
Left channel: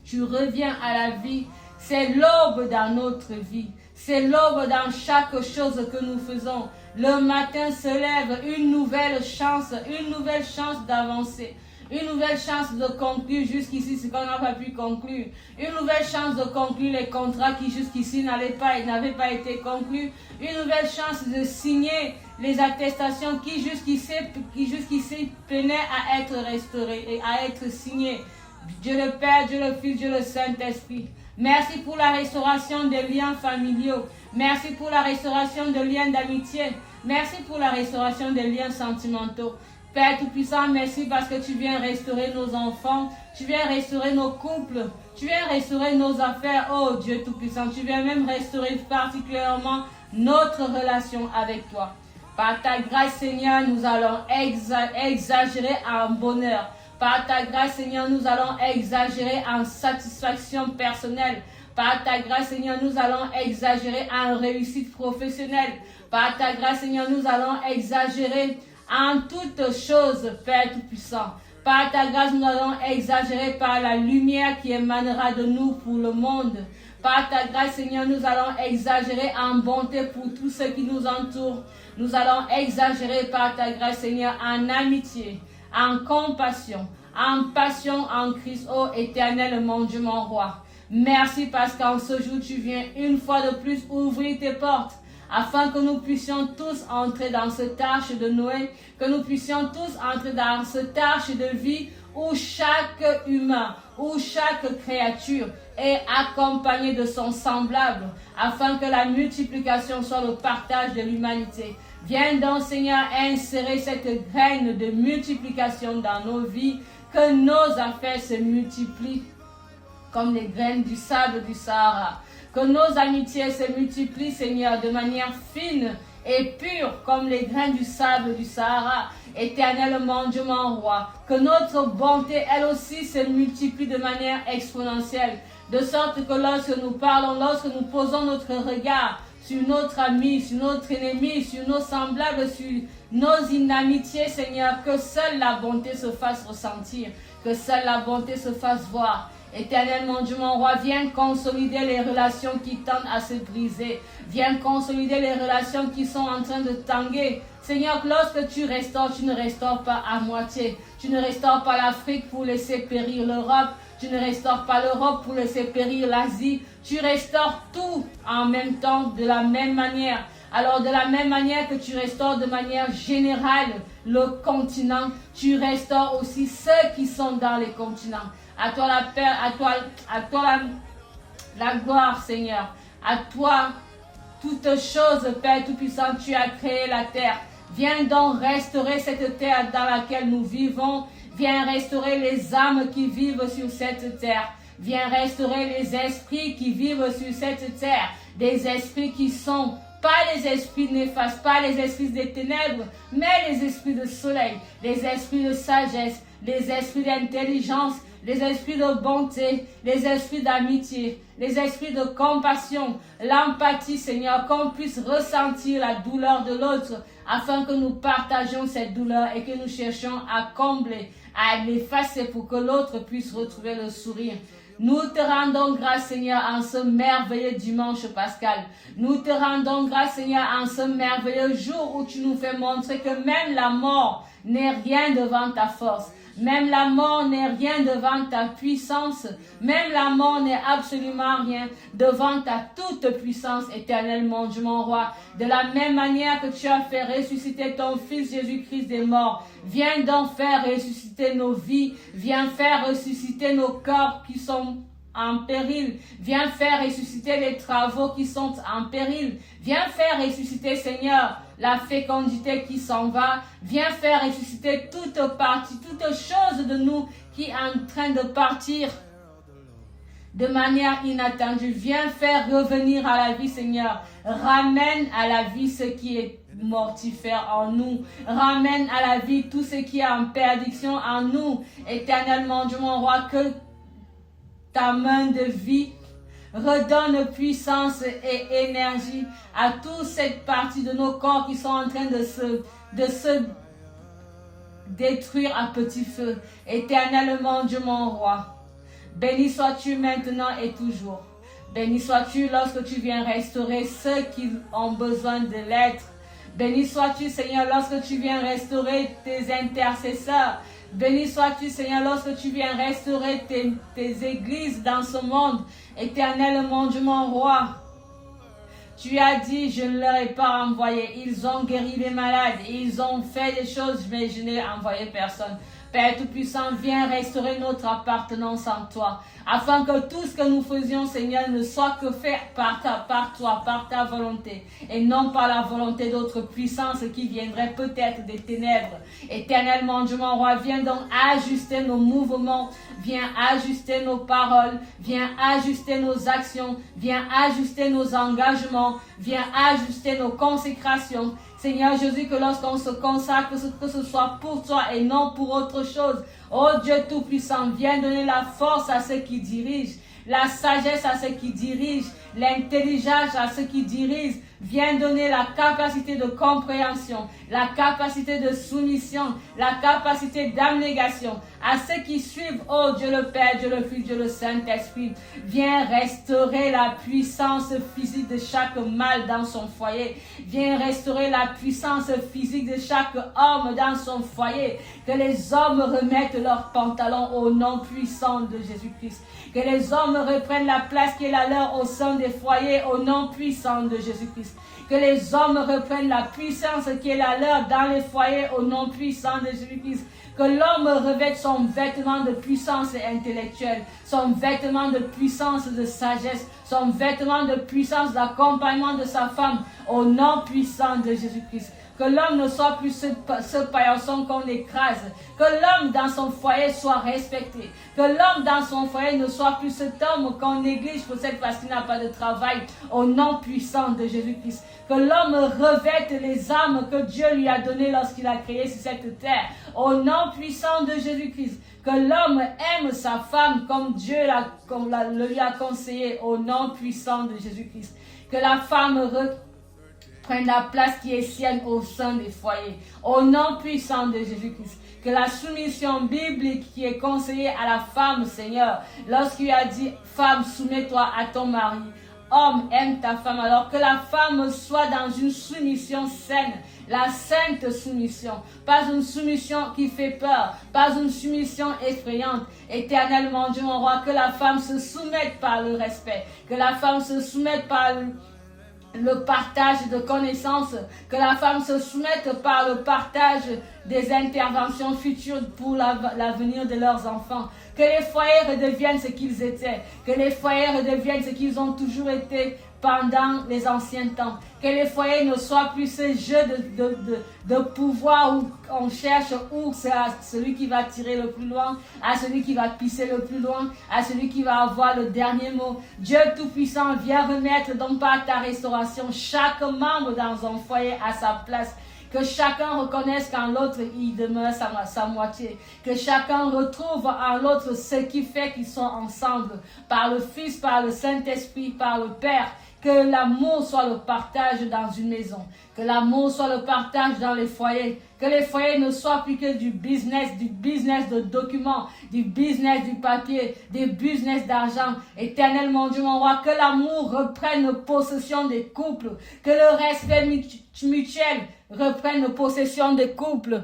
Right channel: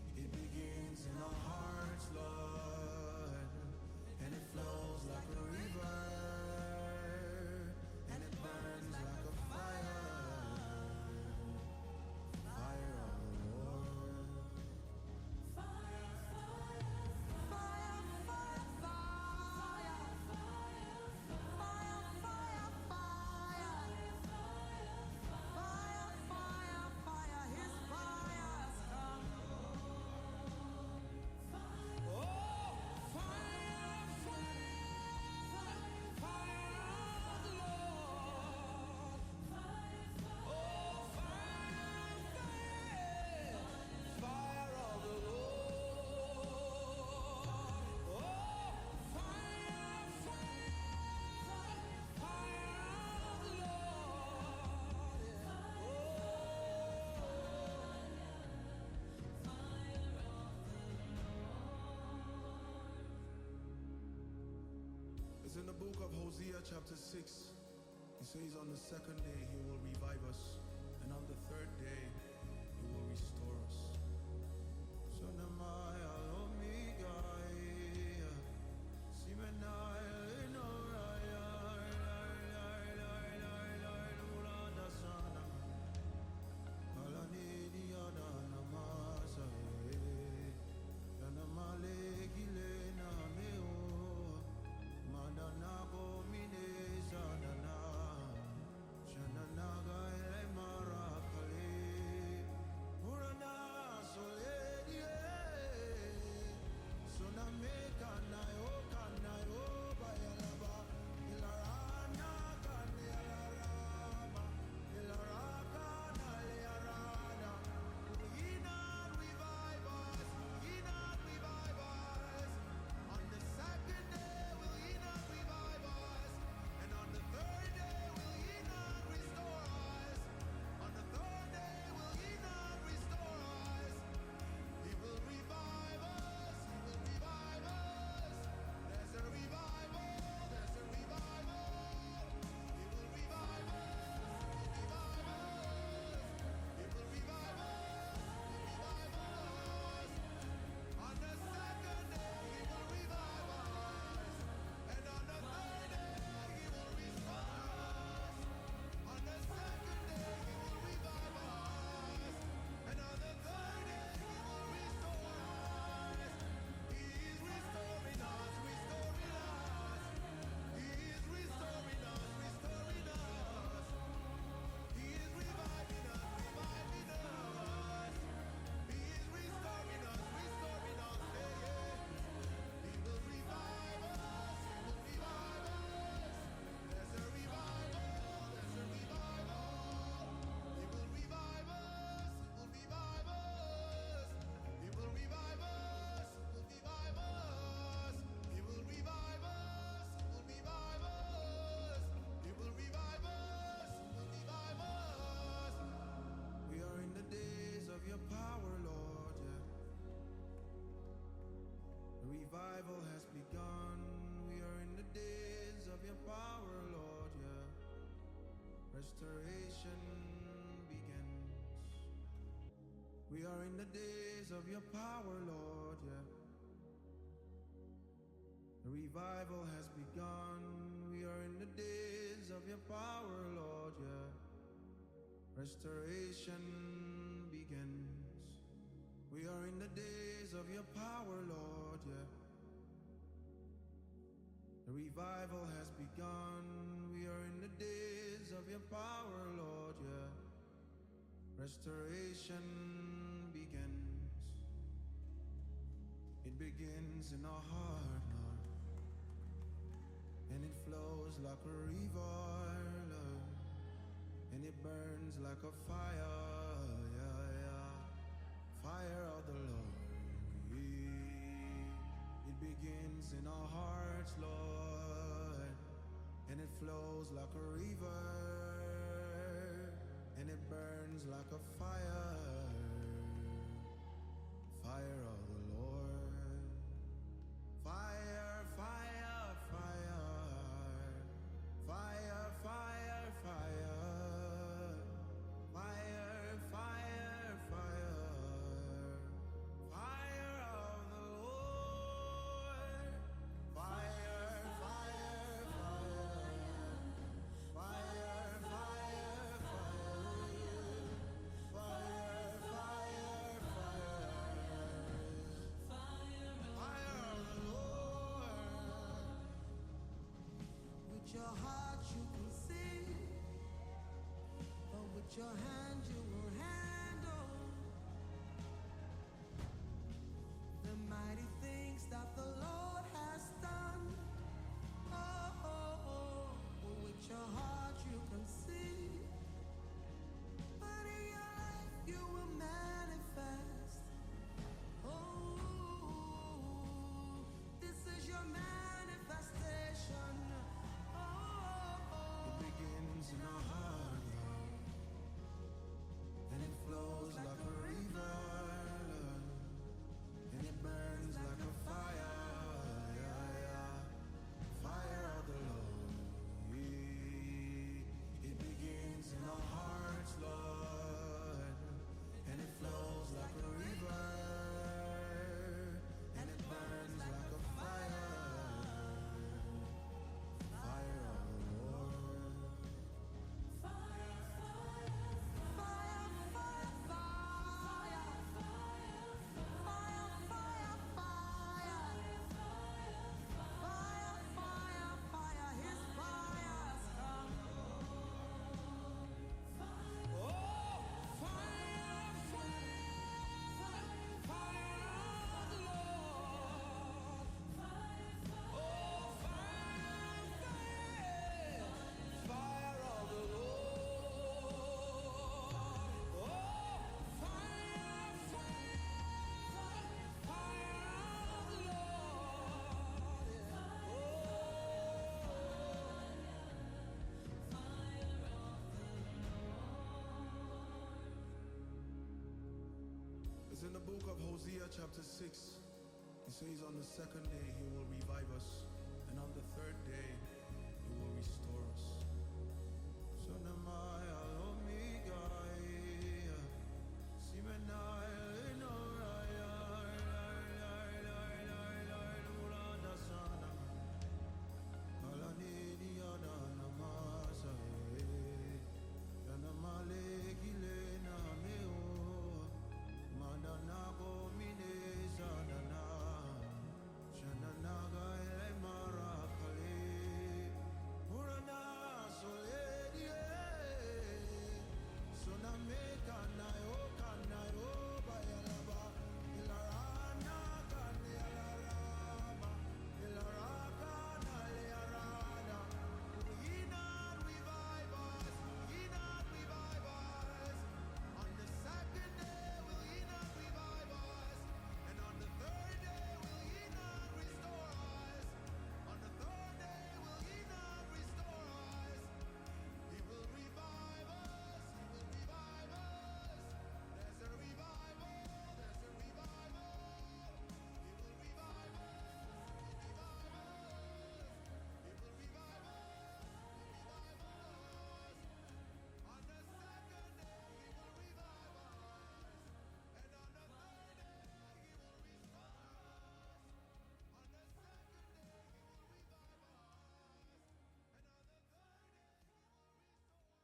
tu reviens à la vie, c'est l'aube dans notre vie. C'est l'aube dans chaque chose que nous faisons. Le matin se lève une nouvelle chance d'avancer. Une nouvelle chance de conclure jusqu'ici ce qu'on n'a pas pu conclure. Une nouvelle chance de conclure les contrats qui jusqu'ici n'avaient pas été conclus. Une nouvelle chance de signer les attestations qui jusqu'ici peinaient à être restaurées et à être signées. Dieu le Père, Dieu le Fils, Dieu le Saint-Esprit. Merci pour la restauration des liens familiaux. Merci pour la restauration des liens d'amitié. Merci pour la restauration des liens sentimentaux. Père Tout-Puissant, merci parce que tu viens restaurer nos enfants, tu viens restaurer nos couples, tu viens restaurer nos affaires. Oh Dieu Tout-Puissant, tu viens même restaurer particulièrement notre relation avec toi. Par ta grâce, Seigneur, nous allons exagérer en bonheur. Par ta grâce, Seigneur, nous allons exagérer en satisfaction personnelle. Par ta grâce, Seigneur, nous allons exagérer en réussite professionnelle. Par ta grâce, Seigneur, nous allons exagérer en toutes choses, Père Tout-Puissant. Par ta grâce, nous allons exagérer par la lumière qui émanera de nous pour le monde. Par ta grâce, Seigneur, nous allons exagérer en bonté pour tous ceux qui nous entourent. Nous allons exagérer par ta grâce, Seigneur, en amitié, en compassion, en passion en Christ, ô Éternel, mon Dieu, mon roi. Merci parce qu'en ce jour, tu viens une fois de plus ouvrir tes portes afin que nous puissions tous entrer dans cette arche de Noé, que nous puissions tous entrer dans cette arche de vie où chaque humain, où chaque créature est accompagnée de son semblable, afin que la multiplication soit le partage de l'humanité. Viens donc, Seigneur, insérer cette graine de multiplication dans nos vies, que nos affaires se multiplient comme les graines du sable du Sahara. Que nos amitiés se multiplient, Seigneur, de manière fine et pure comme les grains du sable du Sahara. Éternellement, Dieu mon roi, que notre bonté, elle aussi, se multiplie de manière exponentielle, de sorte que lorsque nous parlons, lorsque nous posons notre regard sur notre ami, sur notre ennemi, sur nos semblables, sur nos inamitiés, Seigneur, que seule la bonté se fasse ressentir, que seule la bonté se fasse voir. Éternellement, Dieu mon roi, viens consolider les relations qui tendent à se briser. Viens consolider les relations qui sont en train de tanguer. Seigneur, lorsque tu restaures, tu ne restaures pas à moitié. Tu ne restaures pas l'Afrique pour laisser périr l'Europe. Tu ne restaures pas l'Europe pour laisser périr l'Asie. Tu restaures tout en même temps, de la même manière. Alors, de la même manière que tu restaures de manière générale le continent, tu restaures aussi ceux qui sont dans les continents. À toi la paix, à toi la gloire, Seigneur. À toi, toutes choses, Père Tout-Puissant, tu as créé la terre. Viens donc restaurer cette terre dans laquelle nous vivons. Viens restaurer les âmes qui vivent sur cette terre. Viens restaurer les esprits qui vivent sur cette terre. Des esprits qui sont pas les esprits néfastes, pas les esprits des ténèbres, mais les esprits de soleil, les esprits de sagesse, les esprits d'intelligence, les esprits de bonté, les esprits d'amitié, les esprits de compassion, l'empathie, Seigneur, qu'on puisse ressentir la douleur de l'autre, afin que nous partagions cette douleur et que nous cherchions à combler, à l'effacer pour que l'autre puisse retrouver le sourire. Nous te rendons grâce, Seigneur, en ce merveilleux dimanche pascal. Nous te rendons grâce, Seigneur, en ce merveilleux jour où tu nous fais montrer que même la mort n'est rien devant ta force. Même la mort n'est rien devant ta puissance. Même la mort n'est absolument rien devant ta toute puissance éternelle, mon Dieu, mon roi. De la même manière que tu as fait ressusciter ton Fils Jésus-Christ des morts, viens donc faire ressusciter nos vies. Viens faire ressusciter nos corps qui sont en péril. Viens faire ressusciter les travaux qui sont en péril. Viens faire ressusciter, Seigneur, la fécondité qui s'en va. Viens faire ressusciter toute partie, toute chose de nous qui est en train de partir de manière inattendue. Viens faire revenir à la vie, Seigneur. Ramène à la vie ce qui est mortifère en nous. Ramène à la vie tout ce qui est en perdition en nous. Éternellement, Dieu mon roi, que ta main de vie redonne puissance et énergie à toute cette partie de nos corps qui sont en train de se détruire à petit feu. Éternellement, Dieu mon roi, béni sois-tu maintenant et toujours. Béni sois-tu lorsque tu viens restaurer ceux qui ont besoin de l'être. Béni sois-tu, Seigneur, lorsque tu viens restaurer tes intercesseurs. Béni sois-tu, Seigneur, lorsque tu viens restaurer tes églises dans ce monde. Éternellement, Dieu mon roi, tu as dit, je ne leur ai pas envoyé. Ils ont guéri les malades, ils ont fait des choses, mais je n'ai envoyé personne. Père Tout-Puissant, viens restaurer notre appartenance en toi, afin que tout ce que nous faisions, Seigneur, ne soit que fait par toi, par ta volonté, et non par la volonté d'autres puissances qui viendraient peut-être des ténèbres. Éternellement, Dieu mon roi, viens donc ajuster nos mouvements, viens ajuster nos paroles, viens ajuster nos actions, viens ajuster nos engagements, viens ajuster nos consécrations. Seigneur Jésus, que lorsqu'on se consacre, que ce soit pour toi et non pour autre chose. Oh Dieu Tout-Puissant, viens donner la force à ceux qui dirigent, la sagesse à ceux qui dirigent, l'intelligence à ceux qui dirigent. Viens donner la capacité de compréhension, la capacité de soumission, la capacité d'abnégation à ceux qui suivent, oh Dieu le Père, Dieu le Fils, Dieu le Saint-Esprit. Viens restaurer la puissance physique de chaque mâle dans son foyer. Viens restaurer la puissance physique de chaque homme dans son foyer. Que les hommes remettent leurs pantalons au nom puissant de Jésus-Christ. Que les hommes reprennent la place qui est la leur au sein des foyers au nom puissant de Jésus-Christ. Que les hommes reprennent la puissance qui est la leur dans les foyers au nom puissant de Jésus-Christ. Que l'homme revête son vêtement de puissance intellectuelle, son vêtement de puissance de sagesse, son vêtement de puissance d'accompagnement de sa femme au nom puissant de Jésus-Christ. Que l'homme ne soit plus ce paillasson qu'on écrase. Que l'homme dans son foyer soit respecté. Que l'homme dans son foyer ne soit plus cet homme qu'on néglige peut-être parce qu'il n'a pas de travail. Au nom puissant de Jésus-Christ. Que l'homme revête les âmes que Dieu lui a données lorsqu'il a créé sur cette terre. Au nom puissant de Jésus-Christ. Que l'homme aime sa femme comme Dieu lui a conseillé. Au nom puissant de Jésus-Christ. Que la femme prenne la place qui est sienne au sein des foyers. Au nom puissant de Jésus-Christ. Que la soumission biblique qui est conseillée à la femme, Seigneur, lorsqu'il a dit, femme, soumets-toi à ton mari. Homme, aime ta femme. Alors que la femme soit dans une soumission saine. La sainte soumission. Pas une soumission qui fait peur. Pas une soumission effrayante. Éternellement, Dieu mon roi, que la femme se soumette par le respect. Que la femme se soumette par le partage de connaissances, que la femme se soumette par le partage des interventions futures pour l'avenir de leurs enfants, que les foyers redeviennent ce qu'ils étaient, que les foyers redeviennent ce qu'ils ont toujours été pendant les anciens temps, que les foyers ne soient plus ce jeu de pouvoir où on cherche où c'est à celui qui va tirer le plus loin, à celui qui va pisser le plus loin, à celui qui va avoir le dernier mot. Dieu Tout-Puissant, viens remettre donc par ta restauration chaque membre dans un foyer à sa place. Que chacun reconnaisse qu'en l'autre, il demeure sa moitié. Que chacun retrouve en l'autre ce qui fait qu'ils sont ensemble. Par le Fils, par le Saint-Esprit, par le Père. Que l'amour soit le partage dans une maison. Que l'amour soit le partage dans les foyers. Que les foyers ne soient plus que du business de documents, du business du papier, du business d'argent. Éternellement, Dieu mon roi, que l'amour reprenne possession des couples. Que le respect mutuel reprenne possession des couples.